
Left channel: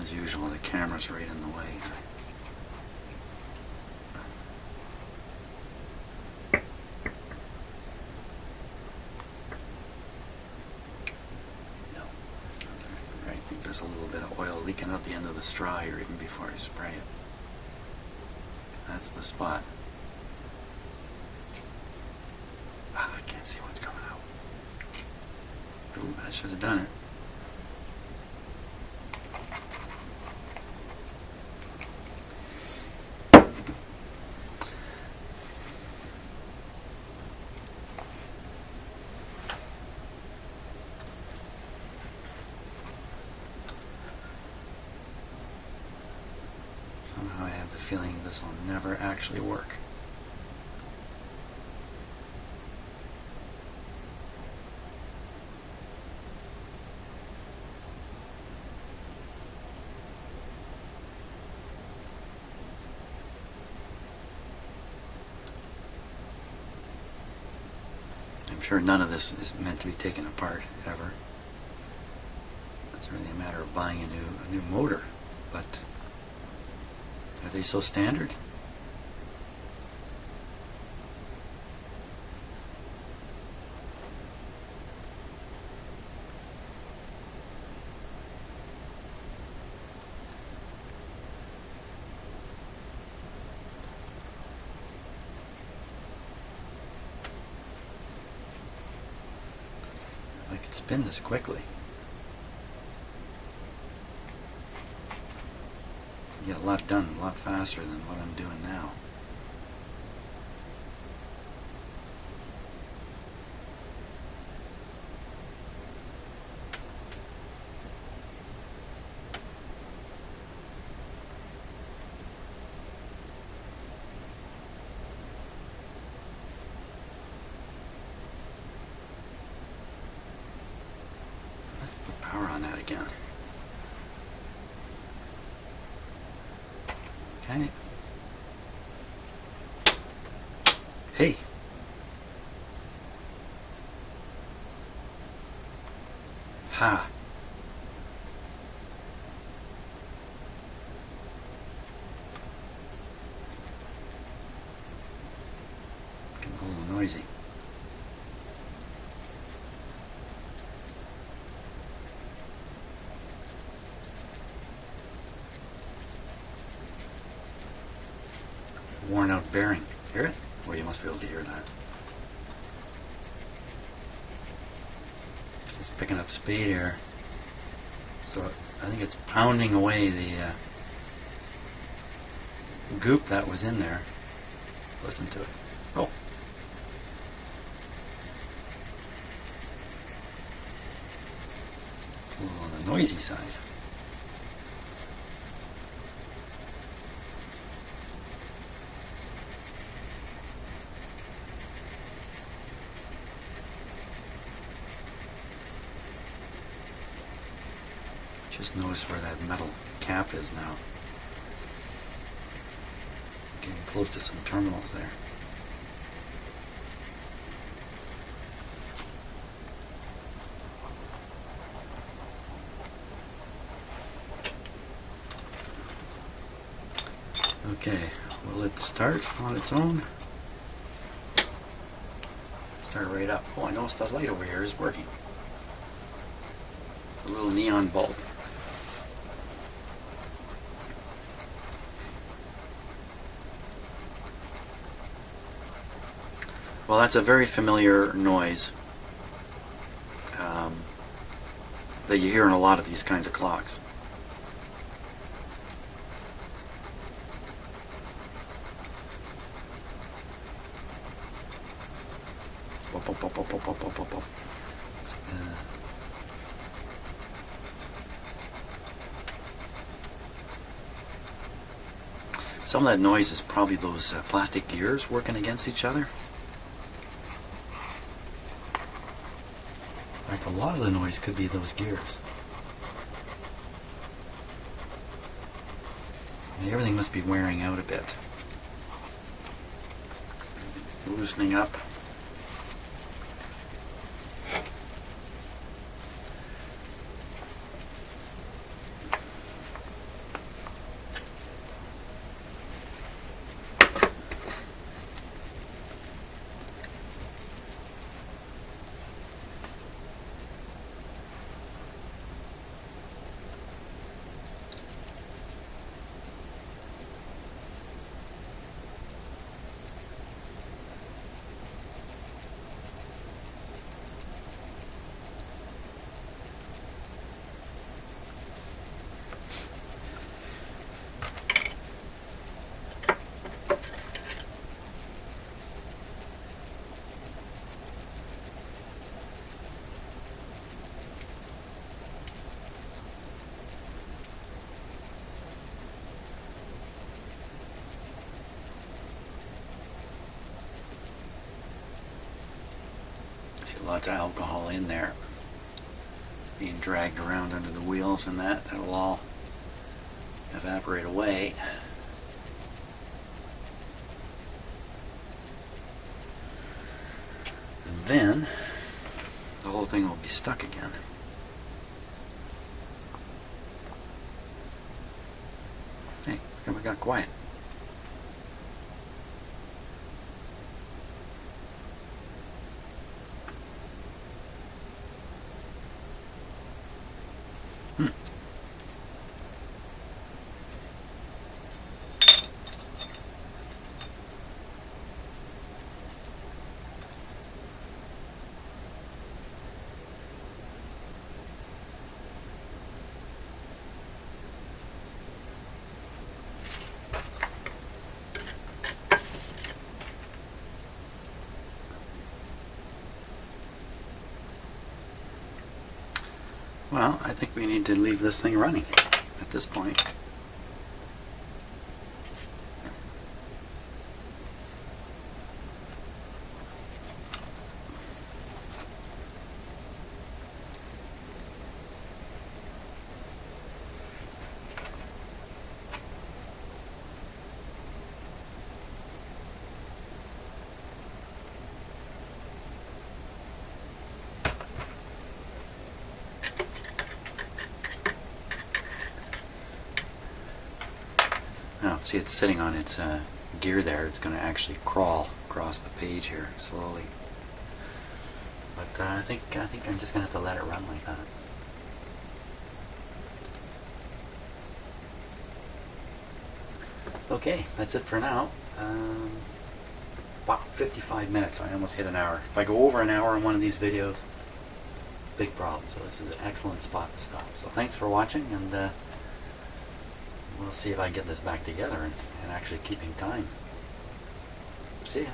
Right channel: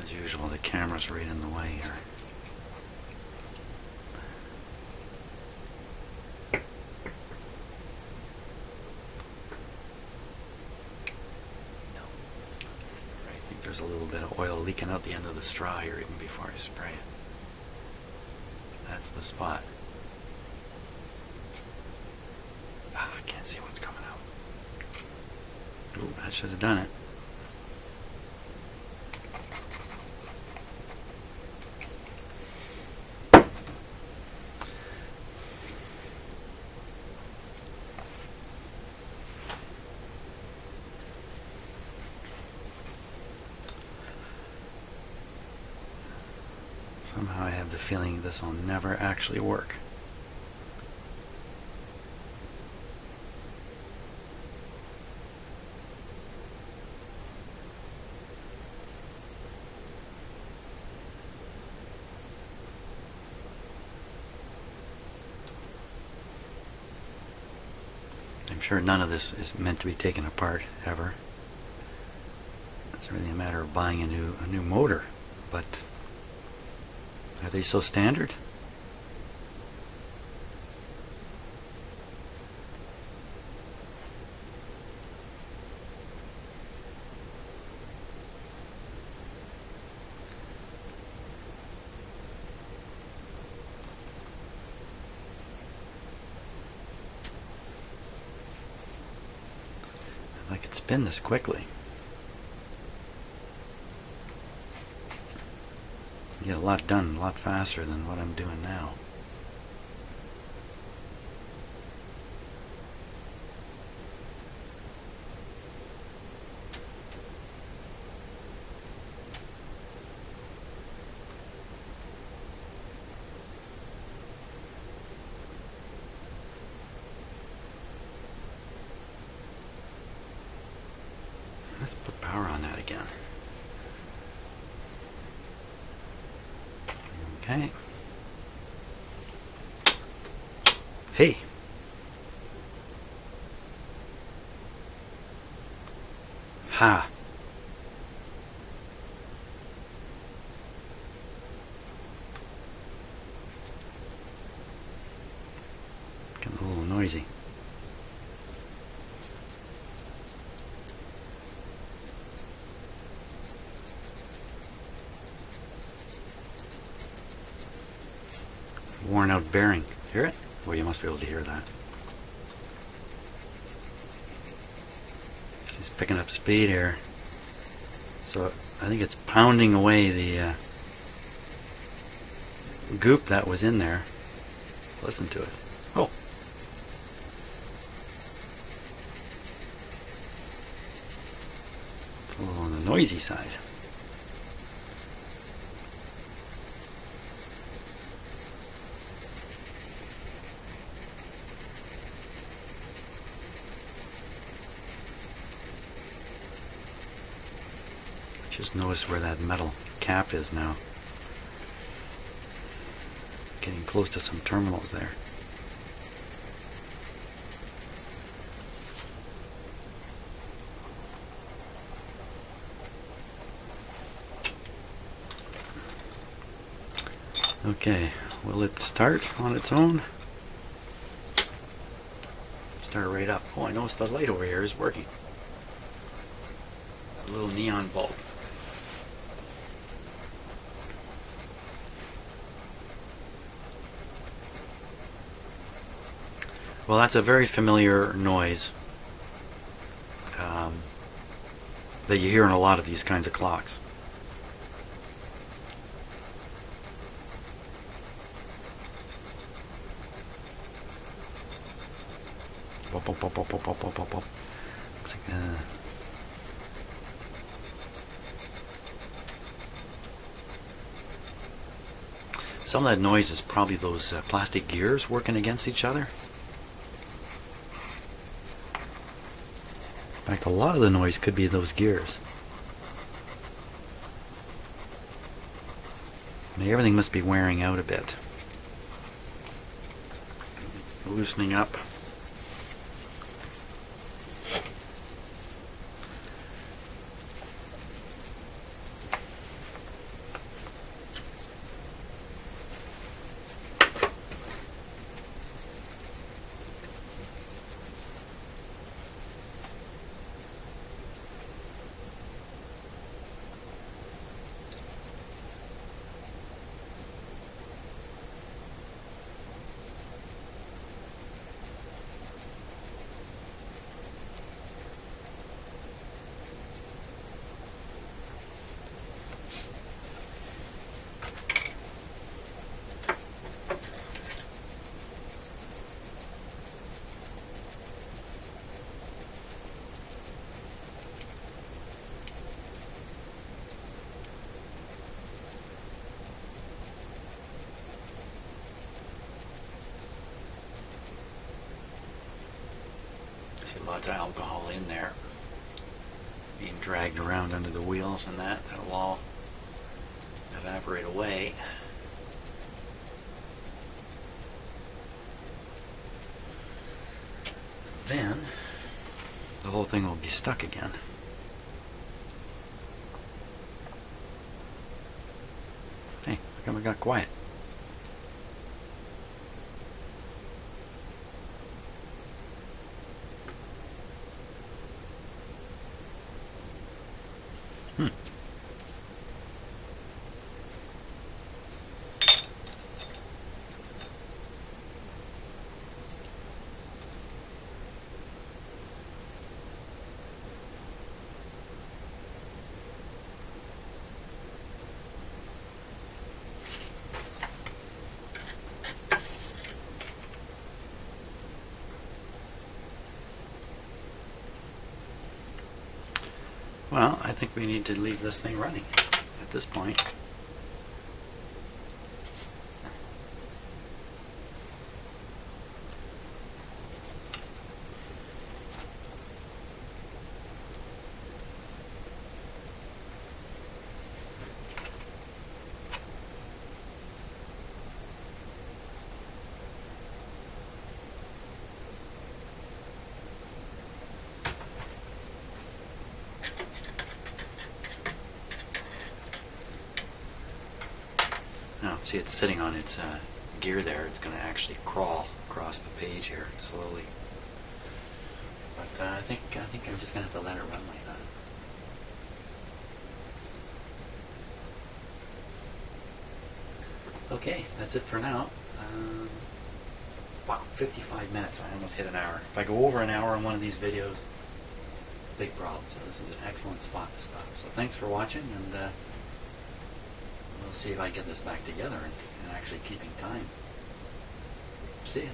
As usual, the camera's right in the way here. No, that's not right. I think there's a little bit of oil leaking out the end of the straw here even before I spray it. That's the spot. Ah, I can't see what's coming out. Ooh, that should have done it. Somehow I have the feeling this will never actually work. I'm sure none of this is meant to be taken apart ever. It's really a matter of buying a new motor, but are they so standard? If I could spin this quickly. Get a lot done a lot faster than what I'm doing now. Let's put power on that again. Okay. Hey. Ha. Getting a little noisy. Worn out bearing. Hear it? Well, you must be able to hear that. He's picking up speed here. So I think it's pounding away the goop that was in there. Listen to it. Oh. It's a little on the noisy side. Just notice where that metal cap is now. Getting close to some terminals there. Okay, will it start on its own? Start right up. Oh, I noticed the light over here is working. A little neon bulb. Well, that's a very familiar noise that you hear in a lot of these kinds of clocks. Bop, bop, bop, bop, bop, bop, bop, bop, bop. Looks like, some of that noise is probably those plastic gears working against each other. In fact, a lot of the noise could be those gears. Now, everything must be wearing out a bit. Loosening up. Lots of alcohol in there being dragged around under the wheels, and that'll all evaporate away. And then the whole thing will be stuck again. Hey, how come it got quiet? Well, I think we need to leave this thing running at this point. Now, see, it's sitting on its gear there. It's going to actually crawl across the page here slowly. But I think I'm just going to have to let it run like that. Okay, that's it for now. Wow, 55 minutes. I almost hit an hour. If I go over an hour in one of these videos, big problem. So this is an excellent spot to stop. So thanks for watching, and we'll see if I get this back together and actually keeping time. See ya.